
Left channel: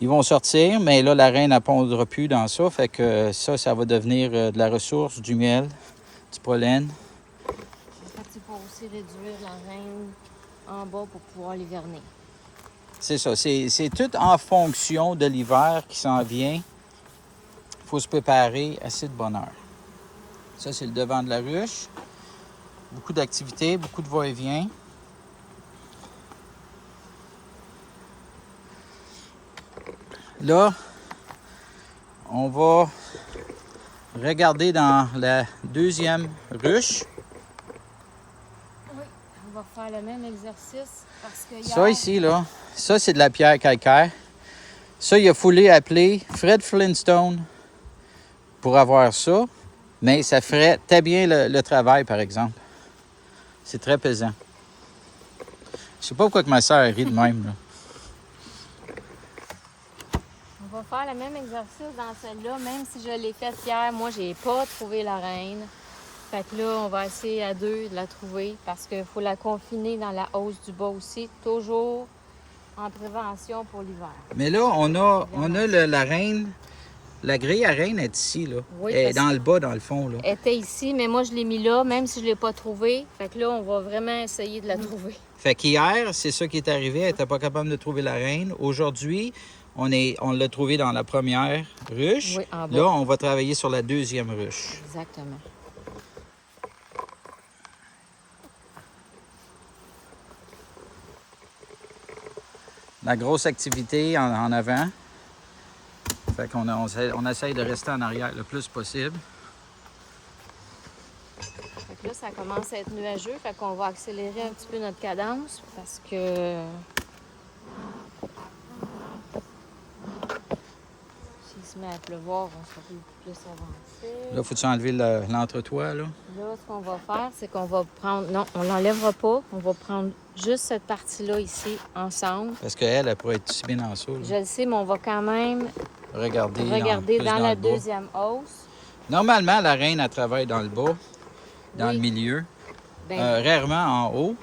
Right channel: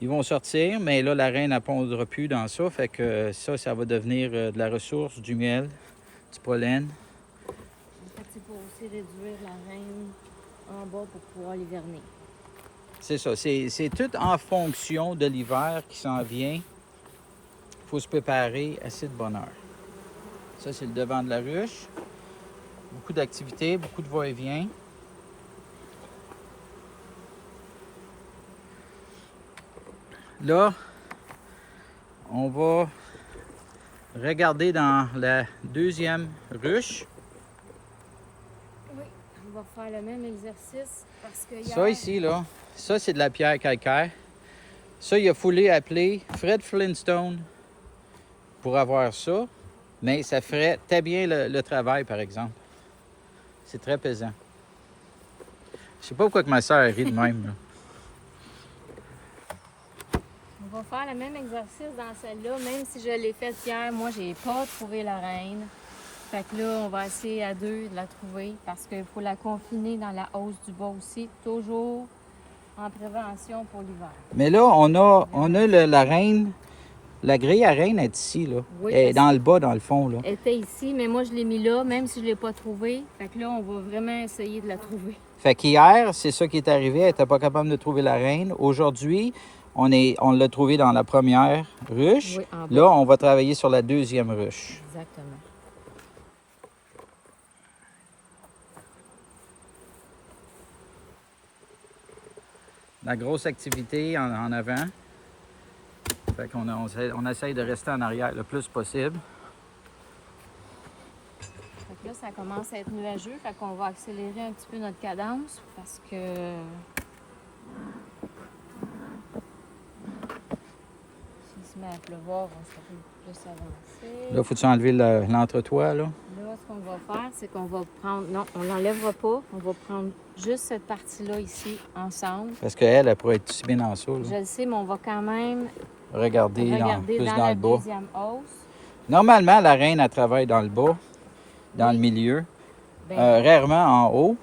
ils vont sortir, mais là, la reine ne pondra plus dans ça. Fait que ça va devenir de la ressource, du miel, du pollen. En fait, c'est pour aussi réduire la reine en bas pour pouvoir l'hiverner. C'est ça. C'est tout en fonction de l'hiver qui s'en vient. Il faut se préparer assez de bonne heure. Ça, c'est le devant de la ruche. Beaucoup d'activités, beaucoup de va-et-vient. Là, on va regarder dans la deuxième ruche. Oui, on va faire le même exercice parce que Ça ici, là, ça c'est de la pierre calcaire. Ça, il a fallu appeler Fred Flintstone pour avoir ça, mais ça ferait très bien le travail, par exemple. C'est très pesant. Je sais pas pourquoi que ma soeur rit de même, là. On va faire le même exercice dans celle-là, même si je l'ai faite hier. Moi, j'ai pas trouvé la reine. Fait que là, on va essayer à deux de la trouver parce qu'il faut la confiner dans la hausse du bas aussi, toujours en prévention pour l'hiver. Mais là, on a la reine. La grille à reine est ici, là. Oui, Elle est parce dans le bas, dans le fond, là. Elle était ici, mais moi, je l'ai mis là, même si je l'ai pas trouvée. Fait que là, on va vraiment essayer de la trouver. Fait qu'hier, c'est ça qui est arrivé. Elle n'était pas capable de trouver la reine. Aujourd'hui, on l'a trouvée dans la première ruche. Oui, en bas. Là, on va travailler sur la deuxième ruche. Exactement. La grosse activité en avant. Fait qu'on on essaye de rester en arrière le plus possible. Fait que là, ça commence à être nuageux. Fait qu'on va accélérer un petit peu notre cadence parce que s'il se met à pleuvoir, on sera plus avancé. Là, faut-tu enlever l'entretoit, là? Là, ce qu'on va faire, c'est qu'on va prendre... Non, on l'enlèvera pas. On va prendre juste cette partie-là ici, ensemble. Parce qu'elle pourrait être aussi bien en dessous, là. Je le sais, mais on va quand même Regarder regarder plus dans dans la le bas. deuxième hausse. Normalement, la reine, elle travaille dans le bas, dans Oui. le milieu. Ben, Rarement en haut.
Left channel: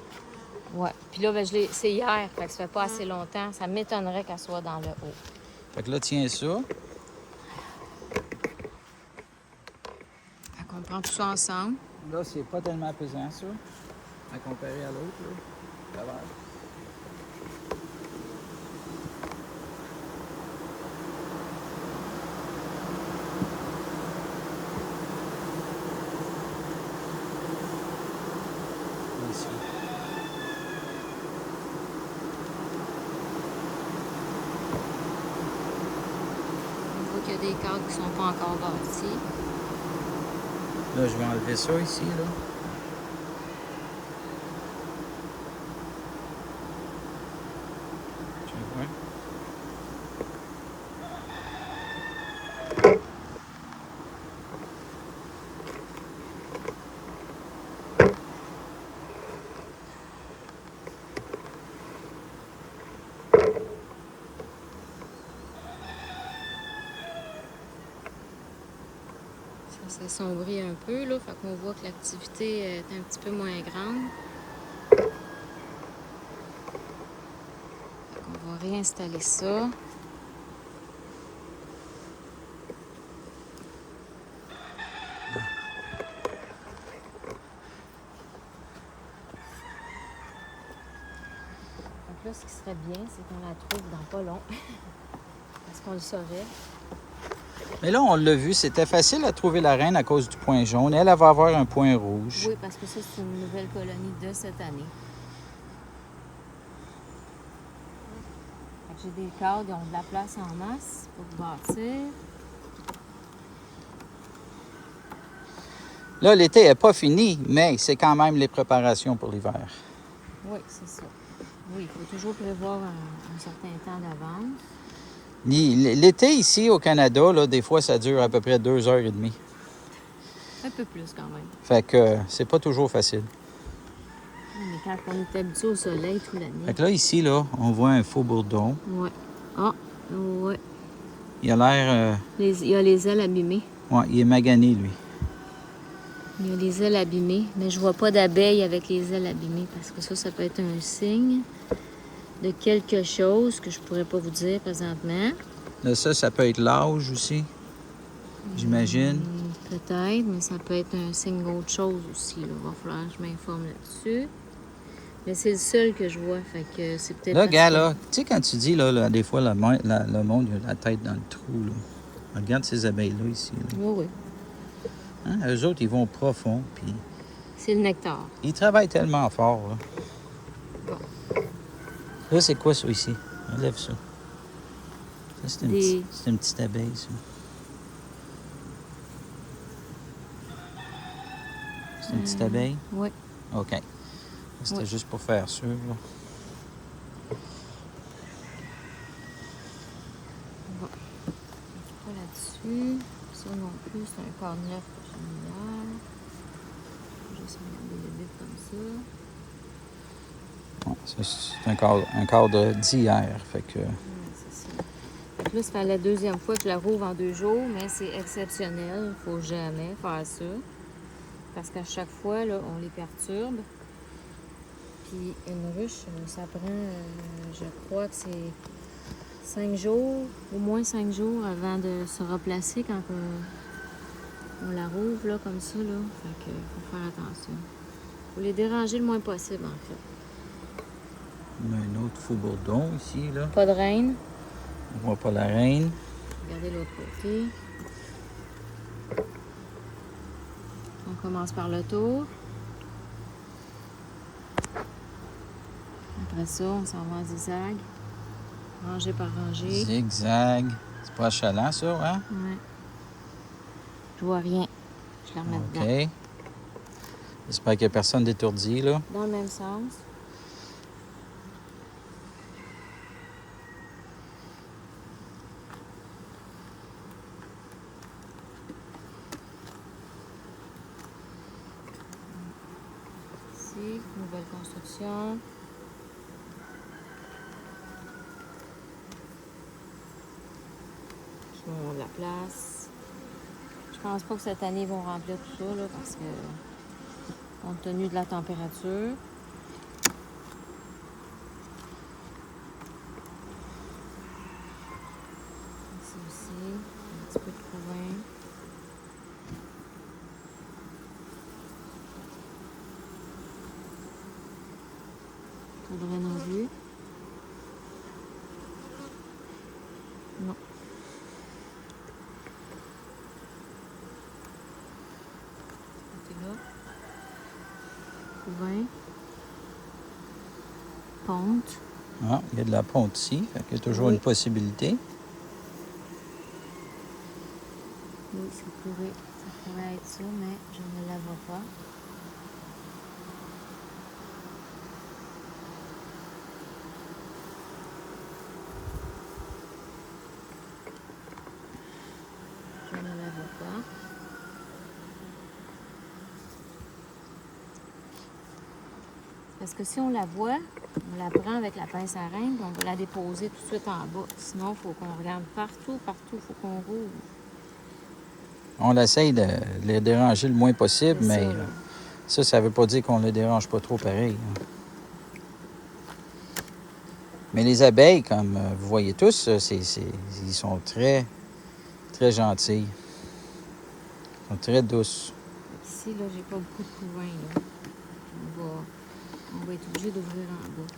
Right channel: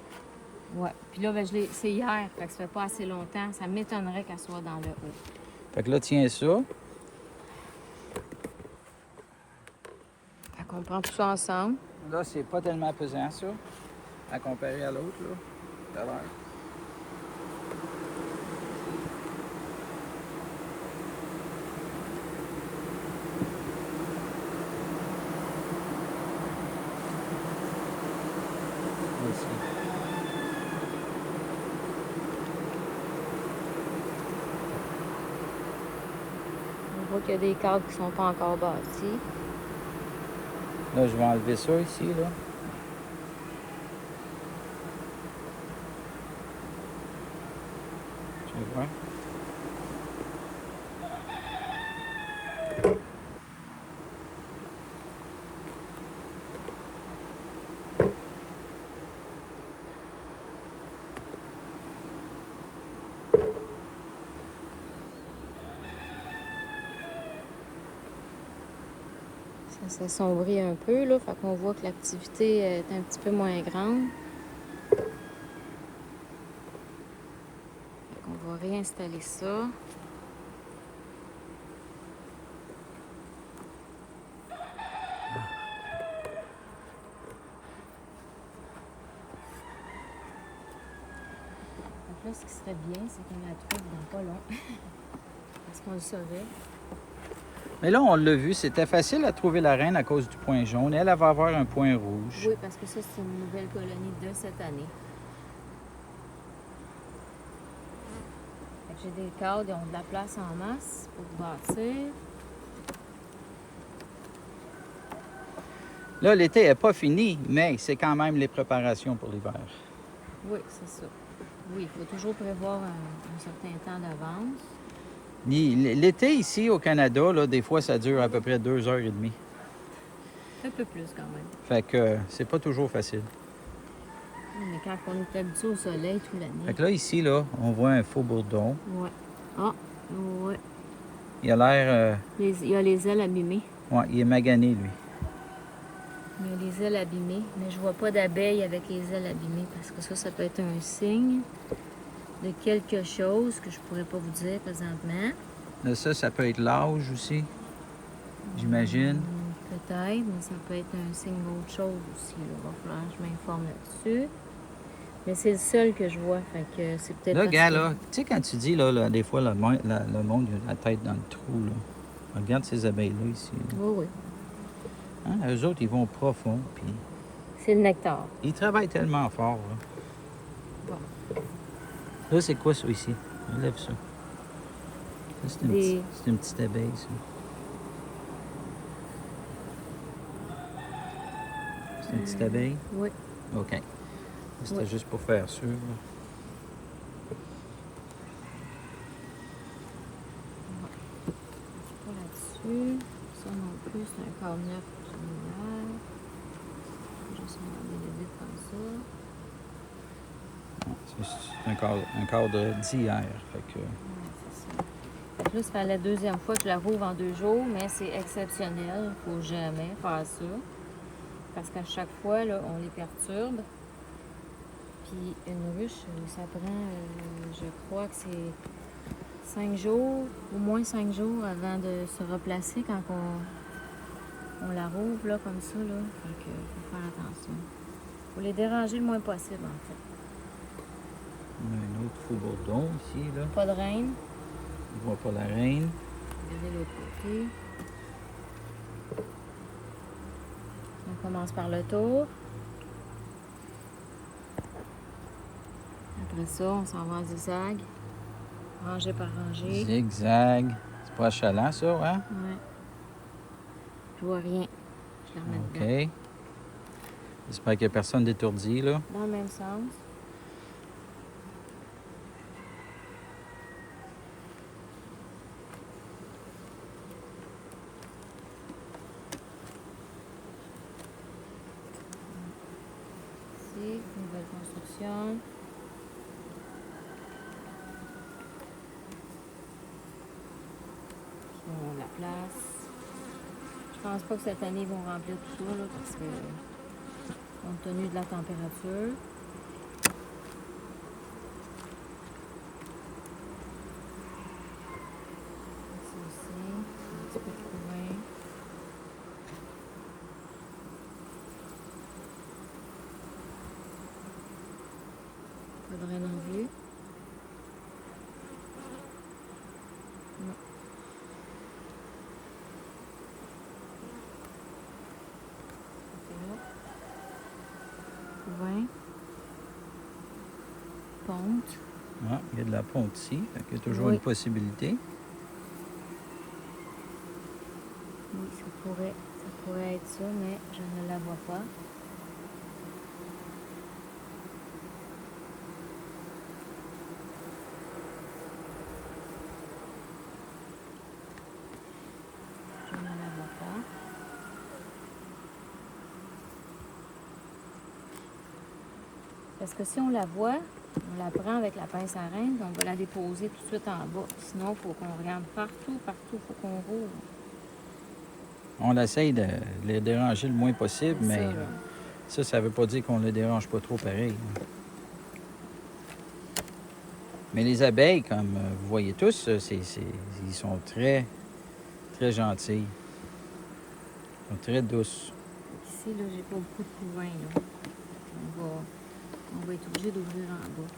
ouais. Puis là, ben, c'est hier, fait que ça fait pas assez longtemps. Ça m'étonnerait qu'elle soit dans le haut. Fait que là, tiens ça. Fait qu'on prend tout ça ensemble. Là, c'est pas tellement pesant, ça, à comparer à l'autre, là. Ça va. Ici. On voit qu'il y a des cadres qui sont pas encore bâtis. Là, je vais enlever ça ici, là. Tu vois? Ça s'assombrit un peu, là. Fait qu'on voit que l'activité est un petit peu moins grande. Fait qu'on va réinstaller ça. Donc là, ce qui serait bien, c'est qu'on la trouve dans pas long. Parce qu'on le saurait. Mais là, on l'a vu, c'était facile à trouver la reine à cause du point jaune. Elle va avoir un point rouge. Oui, parce que ça, c'est une nouvelle colonie de cette année. Fait que j'ai des cadres, ils ont de la place en masse pour bâtir. Là, l'été n'est pas fini, mais c'est quand même les préparations pour l'hiver. Oui, c'est ça. Oui, il faut toujours prévoir un certain temps d'avance. L'été ici au Canada, là, des fois, ça dure à peu près 2h30. Un peu plus quand même. Fait que c'est pas toujours facile. Mais quand on est habitué au soleil toute l'année. Fait que là, ici, là, on voit un faux bourdon. Ouais. Ah, ouais. Il a l'air... Il a les ailes abîmées. Ouais, il est magané, lui. Il a les ailes abîmées. Mais je vois pas d'abeilles avec les ailes abîmées parce que ça peut être un signe de quelque chose que je pourrais pas vous dire présentement. Là, ça peut être l'âge aussi, j'imagine. Peut-être, mais ça peut être un signe d'autre chose aussi. Là. Il va falloir que je m'informe là-dessus. Mais c'est le seul que je vois, fait que c'est peut-être... Là, gars, là, tu sais, quand tu dis, là, des fois, le monde, il a la tête dans le trou, là. Regarde ces abeilles-là, ici. Là. Oui, oui. Hein? Eux autres, ils vont profond, puis C'est le nectar. ils travaillent tellement fort, là. Bon. Là, c'est quoi, ça, ici? Enlève ça. Ça, c'est une petite abeille, ça. C'est une petite abeille? Oui. OK. C'était juste pour faire sûr, là. Bon. Pas là-dessus. Ça non plus, c'est un cadre neuf que j'ai mis hier. Juste regarder le vide comme ça. Ouais, ça, c'est un cadre d'hier, fait que... C'est ça. Fait que là, ça fait la deuxième fois que je la rouvre en 2 jours, mais c'est exceptionnel. Il ne faut jamais faire ça. Parce qu'à chaque fois, là, on les perturbe. Puis une ruche, ça prend, je crois que c'est 5 jours, au moins 5 jours avant de se replacer quand on la rouvre là, comme ça. Là. Fait que faut faire attention. Faut les déranger le moins possible, en fait. On a un autre faux bourdon ici, là. Pas de reine. On voit pas la reine. Regardez l'autre côté. On commence par le tour. Après ça, on s'en va en zigzag. Rangée par rangée. Zigzag. C'est pas achalant, ça, hein? Ouais. Je vois rien. Je la remets dedans. OK. J'espère qu'il n'y a personne d'étourdi, là. Dans le même sens. Ici, nouvelle construction. Ils ont de la place. Je pense pas que cette année, ils vont remplir tout ça, là, parce que, compte tenu de la température. Ici aussi, un petit peu de couvain. Pas de reine en vue. Non. Couvain. Ponte. Ah, il y a de la ponte ici. Fait qu'il y a toujours une possibilité. Oui, ça pourrait être ça, mais je ne la vois pas. Je ne la vois pas. Parce que si on la voit, on la prend avec la pince à reine, puis on va la déposer tout de suite en bas. Sinon, il faut qu'on regarde partout, il faut qu'on rouvre. On essaye de les déranger le moins possible, C'est mais ça veut pas dire qu'on ne les dérange pas trop pareil. Hein. Mais les abeilles, comme vous voyez tous, ils sont très, très gentils. Ils sont très douces. Ici, là, j'ai pas beaucoup de couvain, là. On va être obligé d'ouvrir en bas.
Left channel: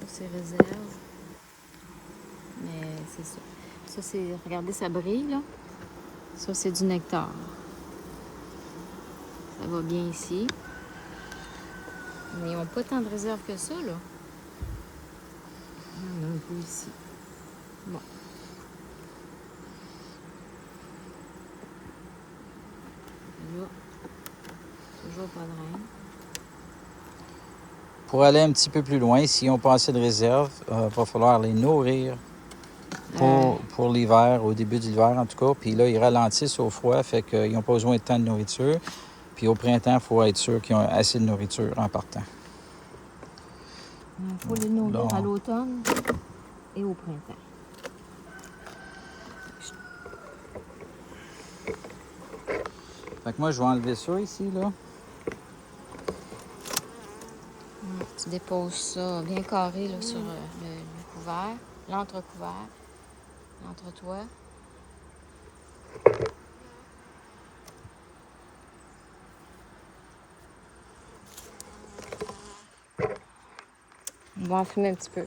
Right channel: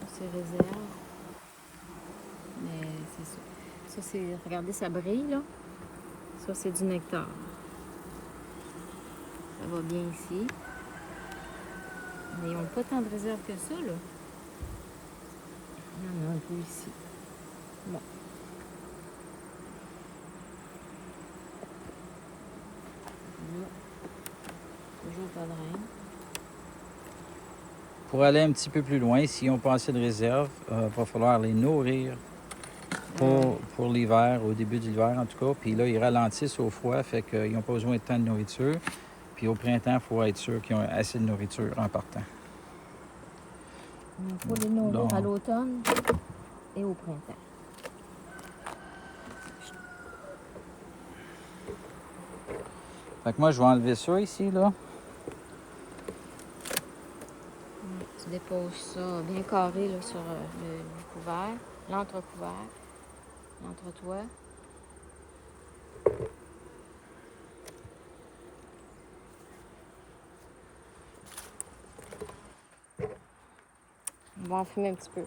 Ça, c'est réserve. Mais c'est ça. Ça, c'est... Regardez, ça brille, là. Ça, c'est du nectar. Ça va bien ici. Mais ils n'ont pas tant de réserves que ça, là. Il y en a un peu ici. Bon. Là, toujours pas de reine. Pour aller un petit peu plus loin, s'ils n'ont pas assez de réserve, il va falloir les nourrir pour l'hiver, au début de l'hiver en tout cas. Puis là, ils ralentissent au froid, fait qu'ils n'ont pas besoin de tant de nourriture. Puis au printemps, il faut être sûr qu'ils ont assez de nourriture en partant. Il faut les nourrir Là, à l'automne et au printemps. Fait que moi, je vais enlever ça ici, là. Tu déposes ça bien carré là, sur le couvert, l'entrecouvert, l'entretoit. On va enfumer un petit peu.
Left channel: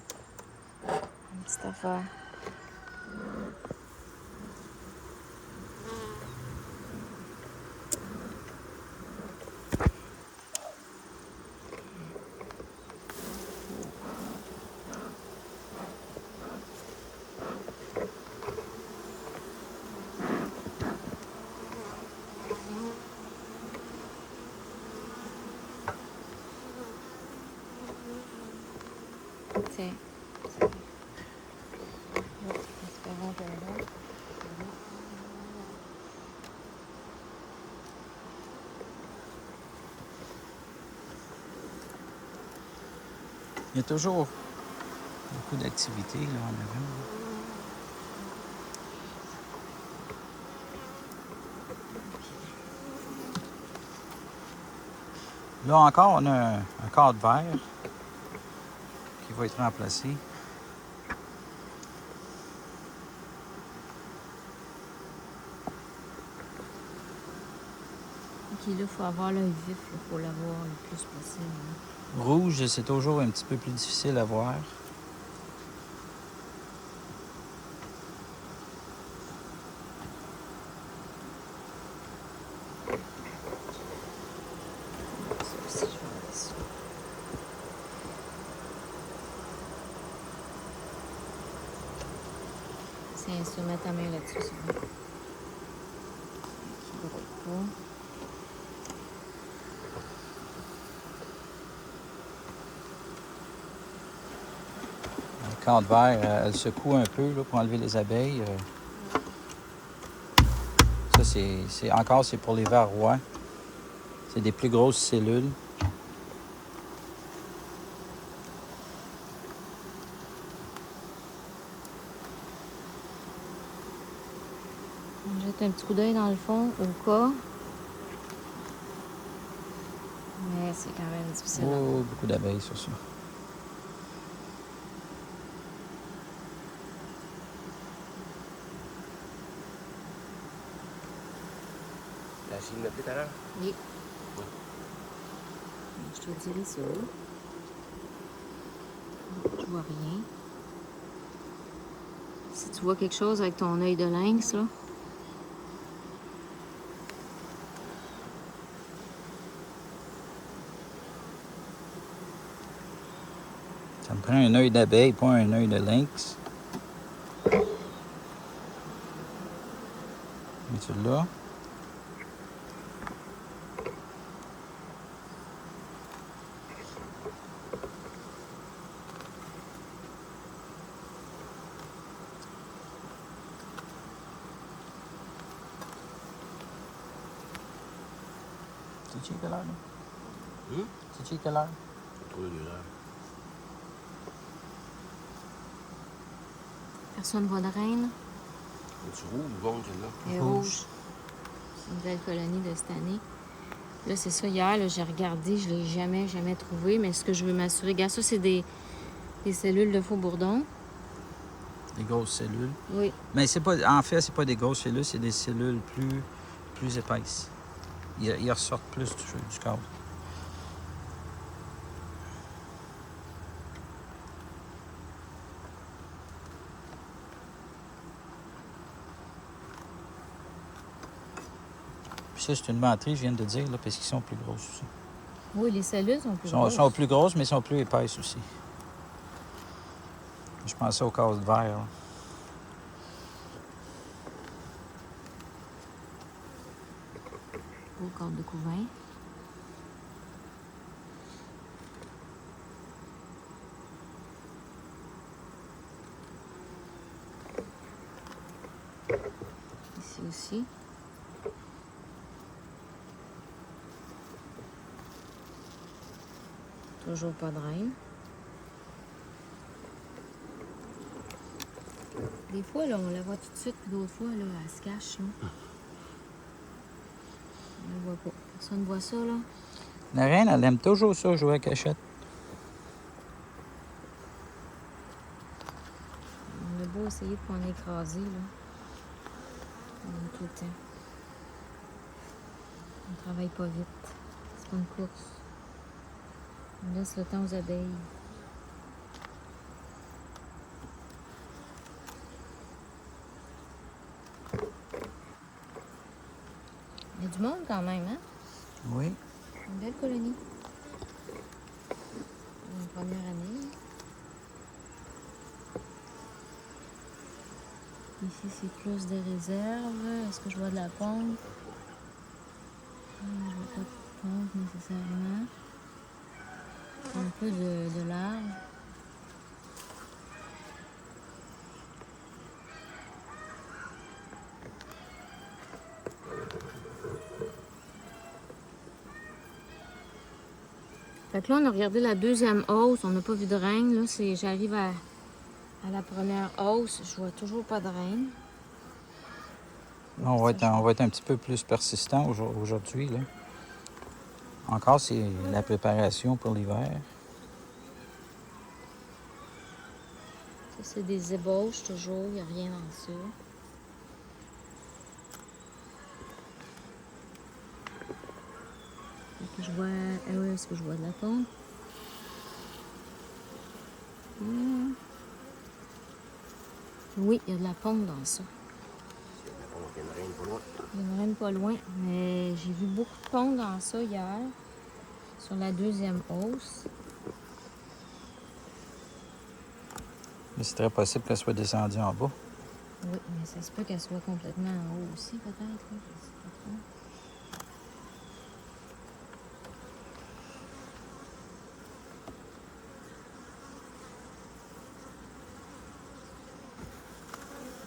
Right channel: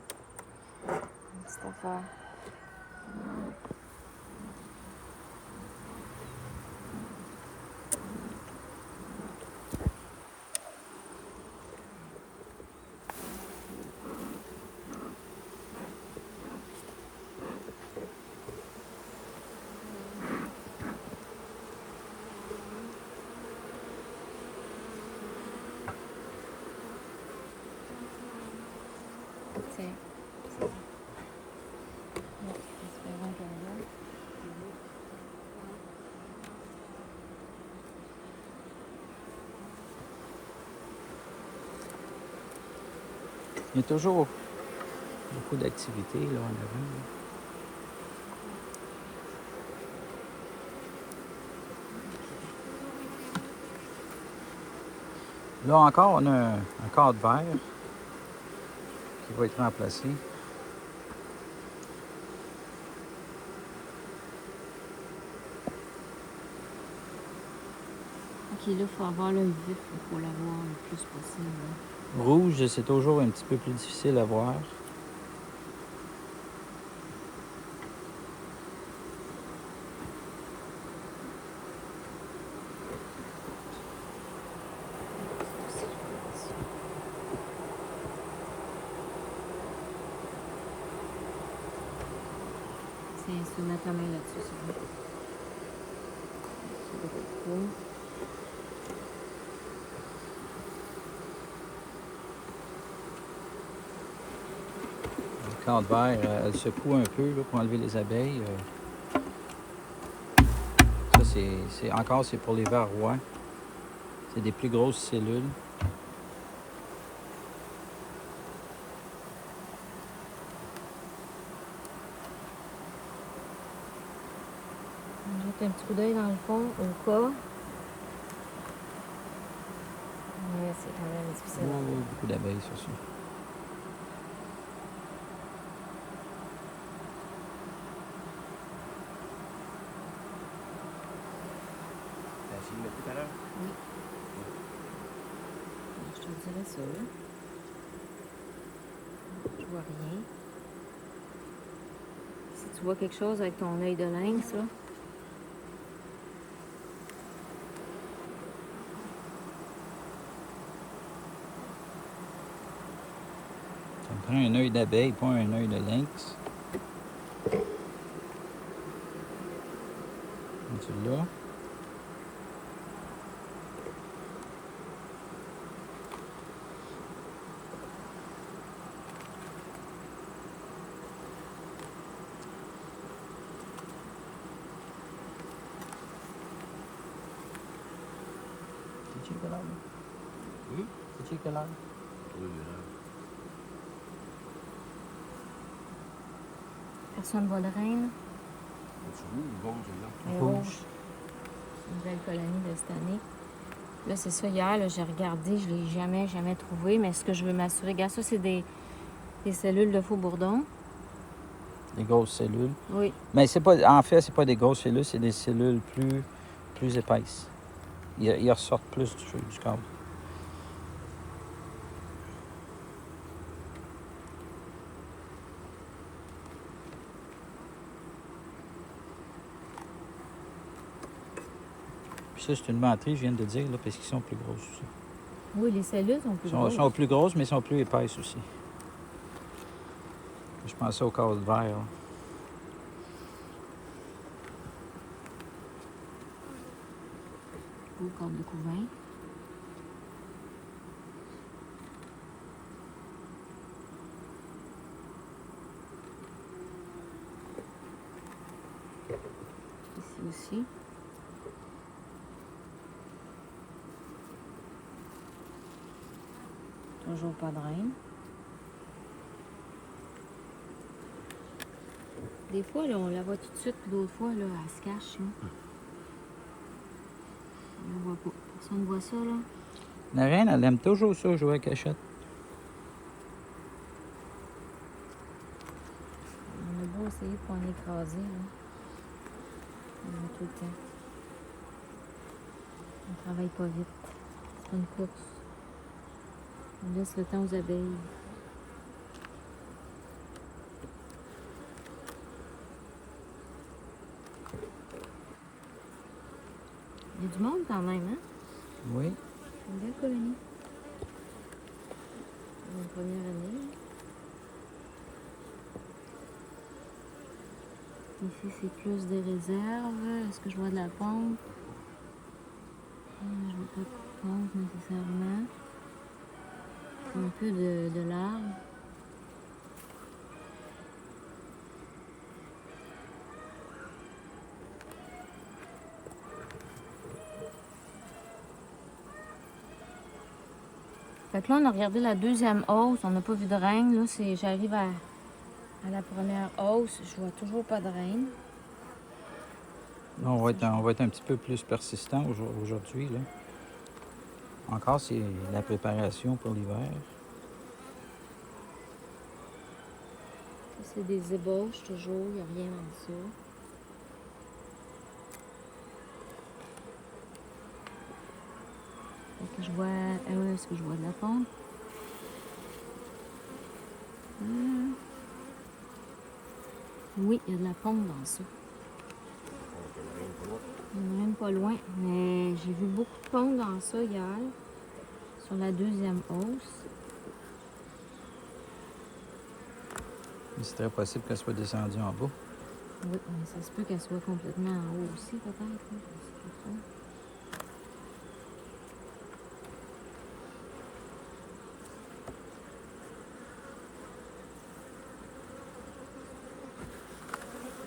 Une petite affaire. Tiens. Espérons qu'elle est là. Il y a toujours beaucoup d'activités là, en avant. Là encore, on a un cadre vert qui va être remplacé. Ok, là, il faut avoir l'œil vif pour l'avoir le plus possible. Là. Rouge, c'est toujours un petit peu plus difficile à voir. Tiens, se mettre ta main là-dessus, c'est bon. Ok, là, cool. Le cadre vert, elle secoue un peu là, pour enlever les abeilles. Ça, c'est pour les vers rois. C'est des plus grosses cellules. On jette un petit coup d'œil dans le fond au cas. Mais c'est quand même difficile. Oh, beaucoup d'abeilles sur ça. La chine de tout à l'heure? Oui. Je te dirais ça. Je vois rien. Si tu vois quelque chose avec ton œil de lynx, là. Ça me prend un œil d'abeille, pas un œil de lynx. Et tu l'as. C'est-tu quelle heure, là? C'est-tu quelle heure? Oui, là. Personne ne voit de reine. Es-tu rouge ou jaune, celle-là? Elle est rouge. C'est une belle colonie de cette année. Là, c'est ça. Hier, là, j'ai regardé. Je ne l'ai jamais trouvé. Mais ce que je veux m'assurer, regarde, ça, c'est des cellules de faux bourdon. Des grosses cellules. Oui. Mais c'est pas, en fait, c'est pas des grosses cellules, c'est des cellules plus épaisses. Ils ressortent plus du cadre. Puis ça, c'est une menterie, je viens de dire, là, parce qu'ils sont plus grosses aussi. Oui, les cellules sont plus Sont, grosses. sont plus grosses, mais sont plus épaisses aussi. Je pensais aux cases de verre. Là. Beau cadre de couvain. Ici aussi. Toujours pas de reine. Des fois, là, on la voit tout de suite, puis d'autres fois, là, elle se cache. Là. On la voit pas. Personne ne voit ça, là. La reine, elle aime toujours ça, jouer à cachette. On a beau essayer de ne pas en écraser, là. On va tout le temps. On travaille pas vite. C'est pas une course. On laisse le temps aux abeilles. Il y a du monde quand même, hein? Oui. Une belle colonie. Une première année. Ici, c'est plus des réserves. Est-ce que je vois de la pompe? Je vois pas de pompe nécessairement. Un peu de larve. Fait que là, on a regardé la deuxième hausse. On n'a pas vu de reine. Là, j'arrive à la première hausse. Je vois toujours pas de reine. On va être un petit peu plus persistant aujourd'hui. Là. Encore, c'est la préparation pour l'hiver. Ça, c'est des ébauches toujours. Il n'y a rien en dessous. Est-ce que je vois... est-ce que je vois de la pompe? Oui, il y a de la pompe dans ça. Il y en a même pas loin. Mais j'ai vu beaucoup de pompe dans ça hier. Sur la deuxième hausse. Mais c'est très possible qu'elle soit descendue en bas. Oui, mais ça se peut qu'elle soit complètement en haut aussi, peut-être. Hein? Je sais pas trop.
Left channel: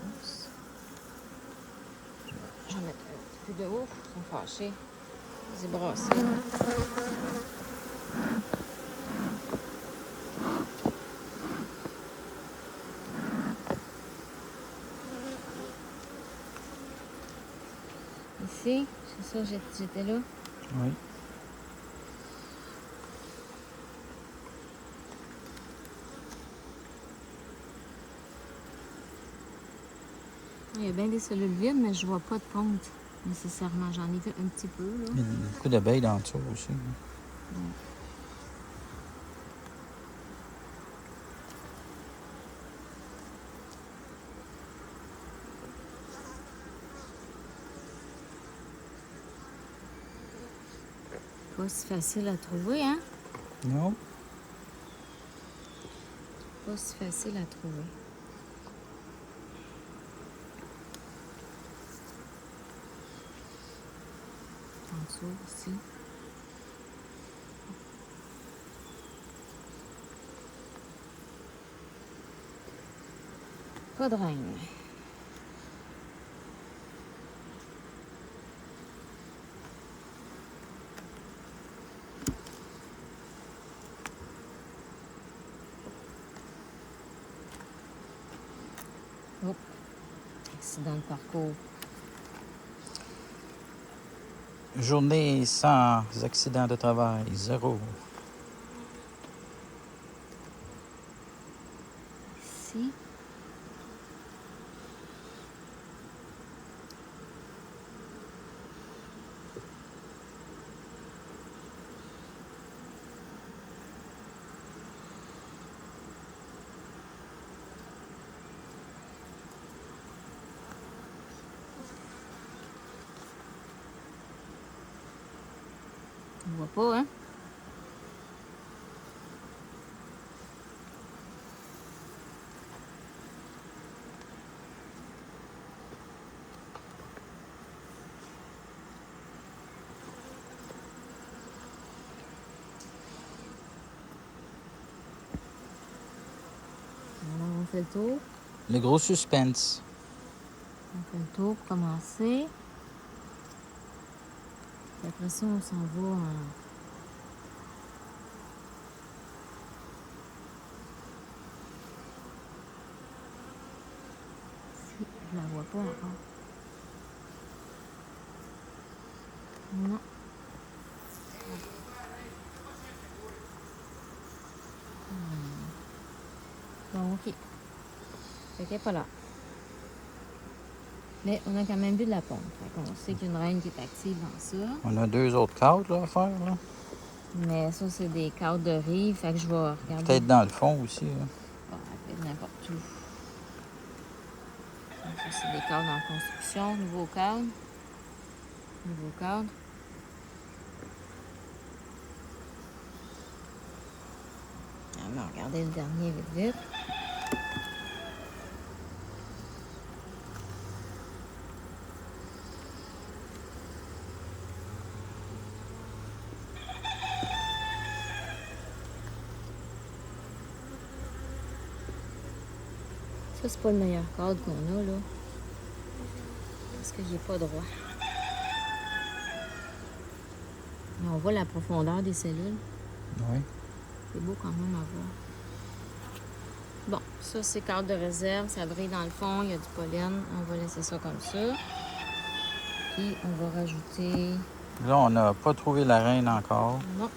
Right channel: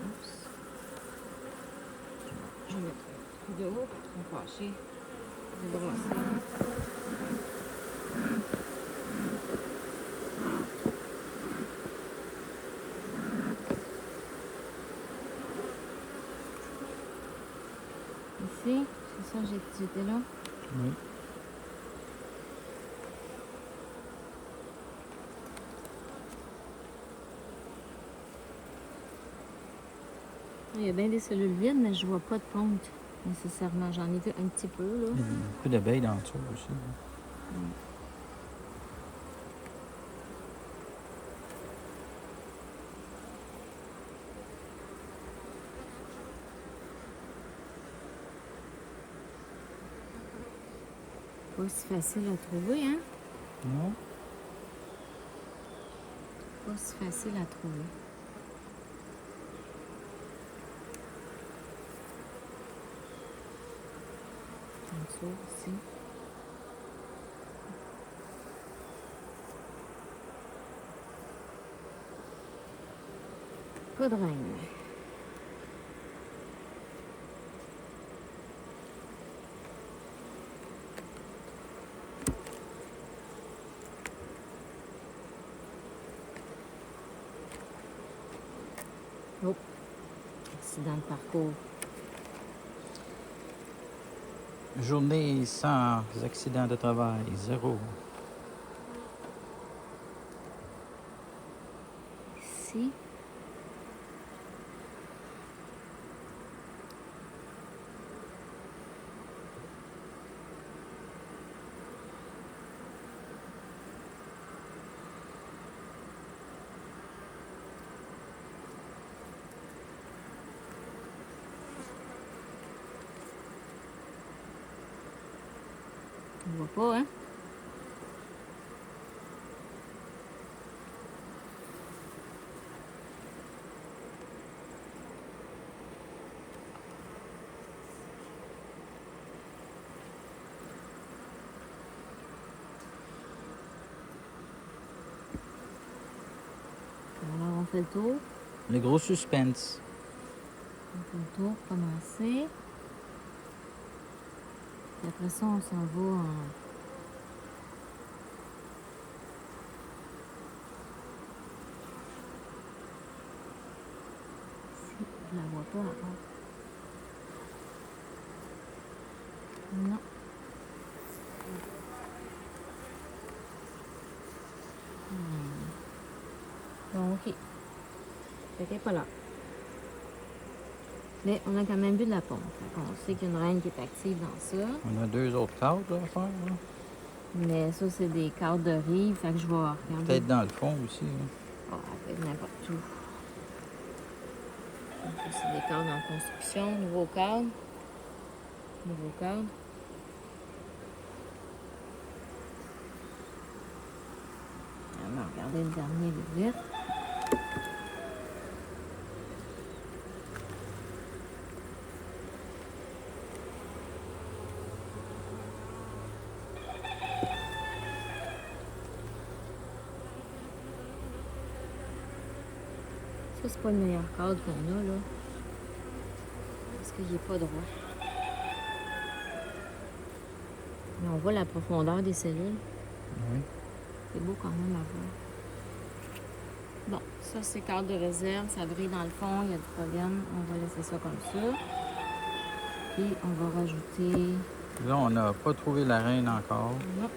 Oups. Je vais mettre un petit peu de haut. Ils sont fâchés. Ils se brassent. Ici, c'est ça, j'étais là. Oui. Il y a bien des cellules vides, mais je vois pas de ponte nécessairement. J'en ai vu un petit peu, là. Il y a beaucoup d'abeilles dans le dessous aussi. Là. Ouais. Pas si facile à trouver, hein? Non? Pas si facile à trouver. En dessous aussi. Pas de reine. Oh, accident de parcours. Journée sans accident de travail, 0. Ici. On voit pas, hein? fait le tour. Le gros suspense. On fait le tour pour commencer. Puis après ça, on s'en va en... Je la vois pas encore. Non. Bon, ok. Fait qu'elle est pas là. Mais on a quand même vu de la pompe. Fait qu'on sait qu'il y a une reine qui est active dans ça. On a 2 autres cadres là, à faire. Là. Mais ça, c'est des cadres de rive. Fait que je vais regarder. Peut-être dans le fond aussi. Là. Bon, peut-être n'importe où. Donc, ça, c'est des cadres en construction. Nouveau cadre. Nouveau cadre. On va regarder le dernier vite vite. Ça, c'est pas le meilleur cadre qu'on a, là. Parce qu'il n'est pas droit. Mais on voit la profondeur des cellules. Oui. C'est beau quand même à voir. Bon, ça, c'est cadre de réserve. Ça brille dans le fond. Il y a du pollen. On va laisser ça comme ça. Puis, on va rajouter... Là, on n'a pas trouvé la reine encore. Non.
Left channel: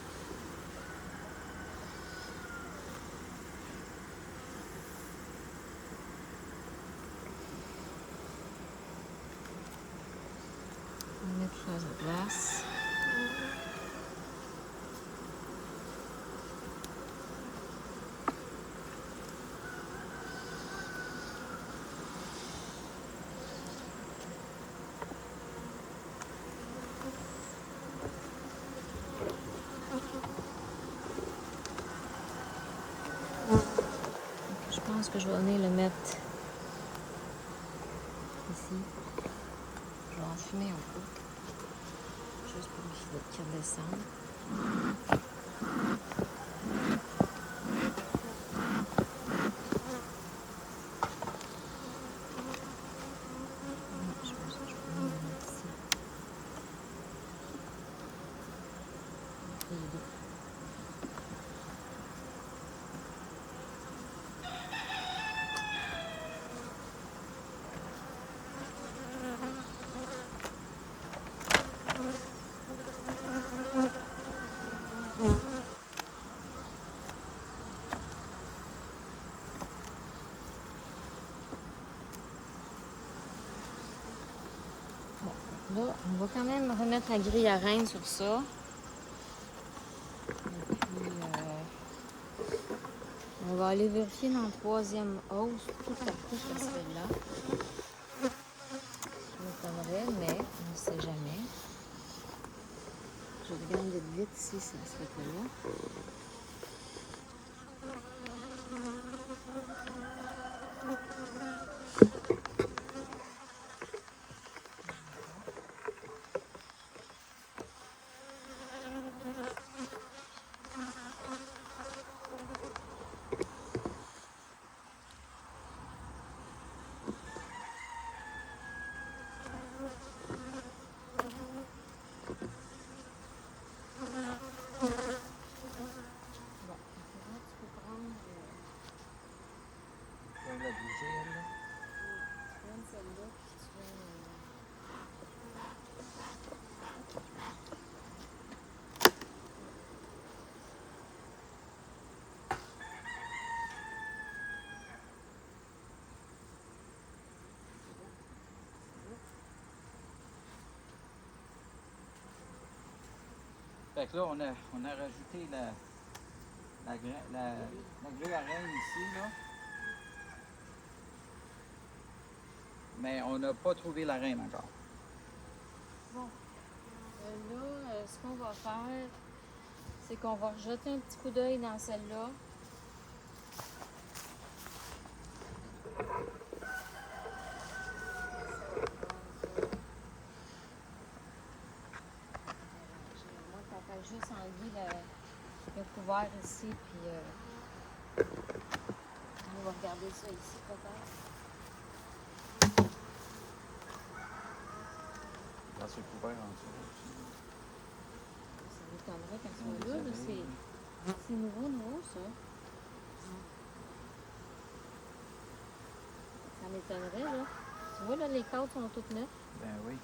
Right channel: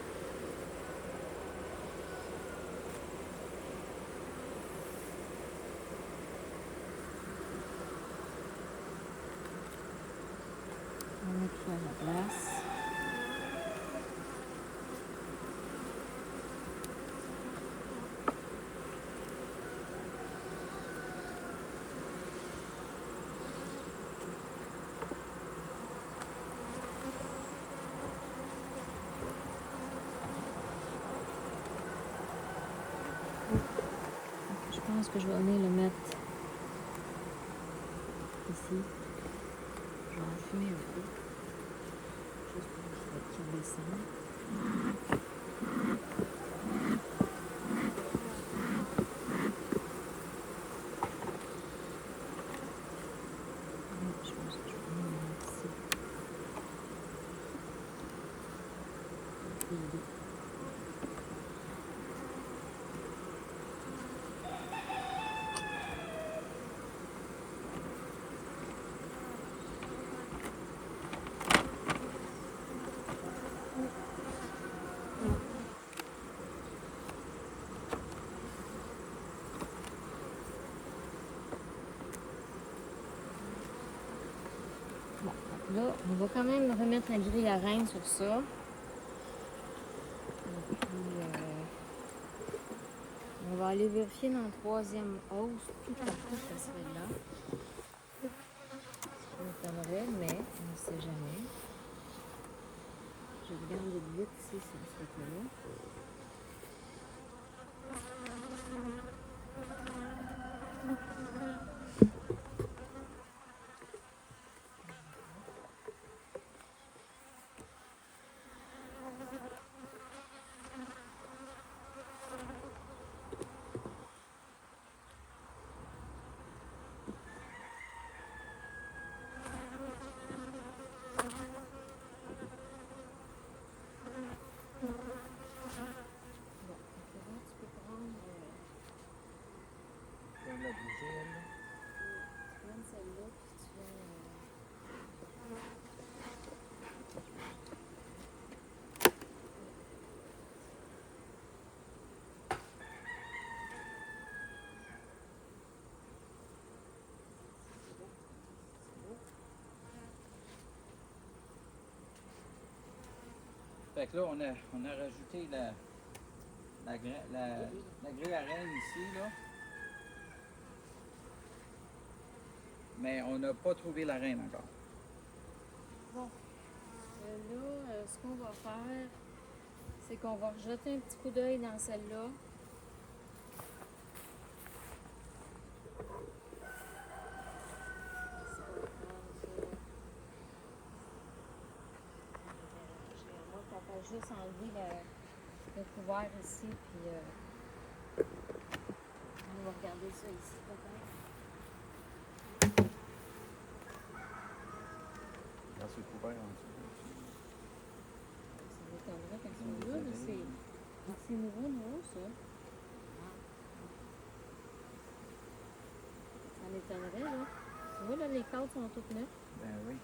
On va mettre tout ça à sa place. Je pense que je vais venir le mettre ici. Je vais enfumer un peu. Juste pour qu'il redescende. Je pense que je vais venir le mettre ici. Les deux. Là, on va quand même remettre la grille à reine sur ça. Et puis, on va aller vérifier dans le troisième hausse, tout partout ça serait là. Ça m'étonnerait, mais on ne sait jamais. Je regarde vite si ça serait pas là. Bon, maintenant tu peux prendre, La bougie, là. tu prends celle-là, puis tu vas... Fait que là, on a rajouté la grille à reine ici, là. Mais on n'a pas trouvé la reine encore. Bon, là, ce qu'on va faire, c'est qu'on va rejeter un petit coup d'œil dans celle-là. Moi, qu'on fasse juste enlever le couvert ici, puis on va garder ça ici, peut-être. Là, c'est couvert en dessous. Ça m'étonnerait qu'elles soient là, là. C'est nouveau, ça. Ça m'étonnerait, là. Tu vois, là, les cadres sont toutes neuves. Ben oui.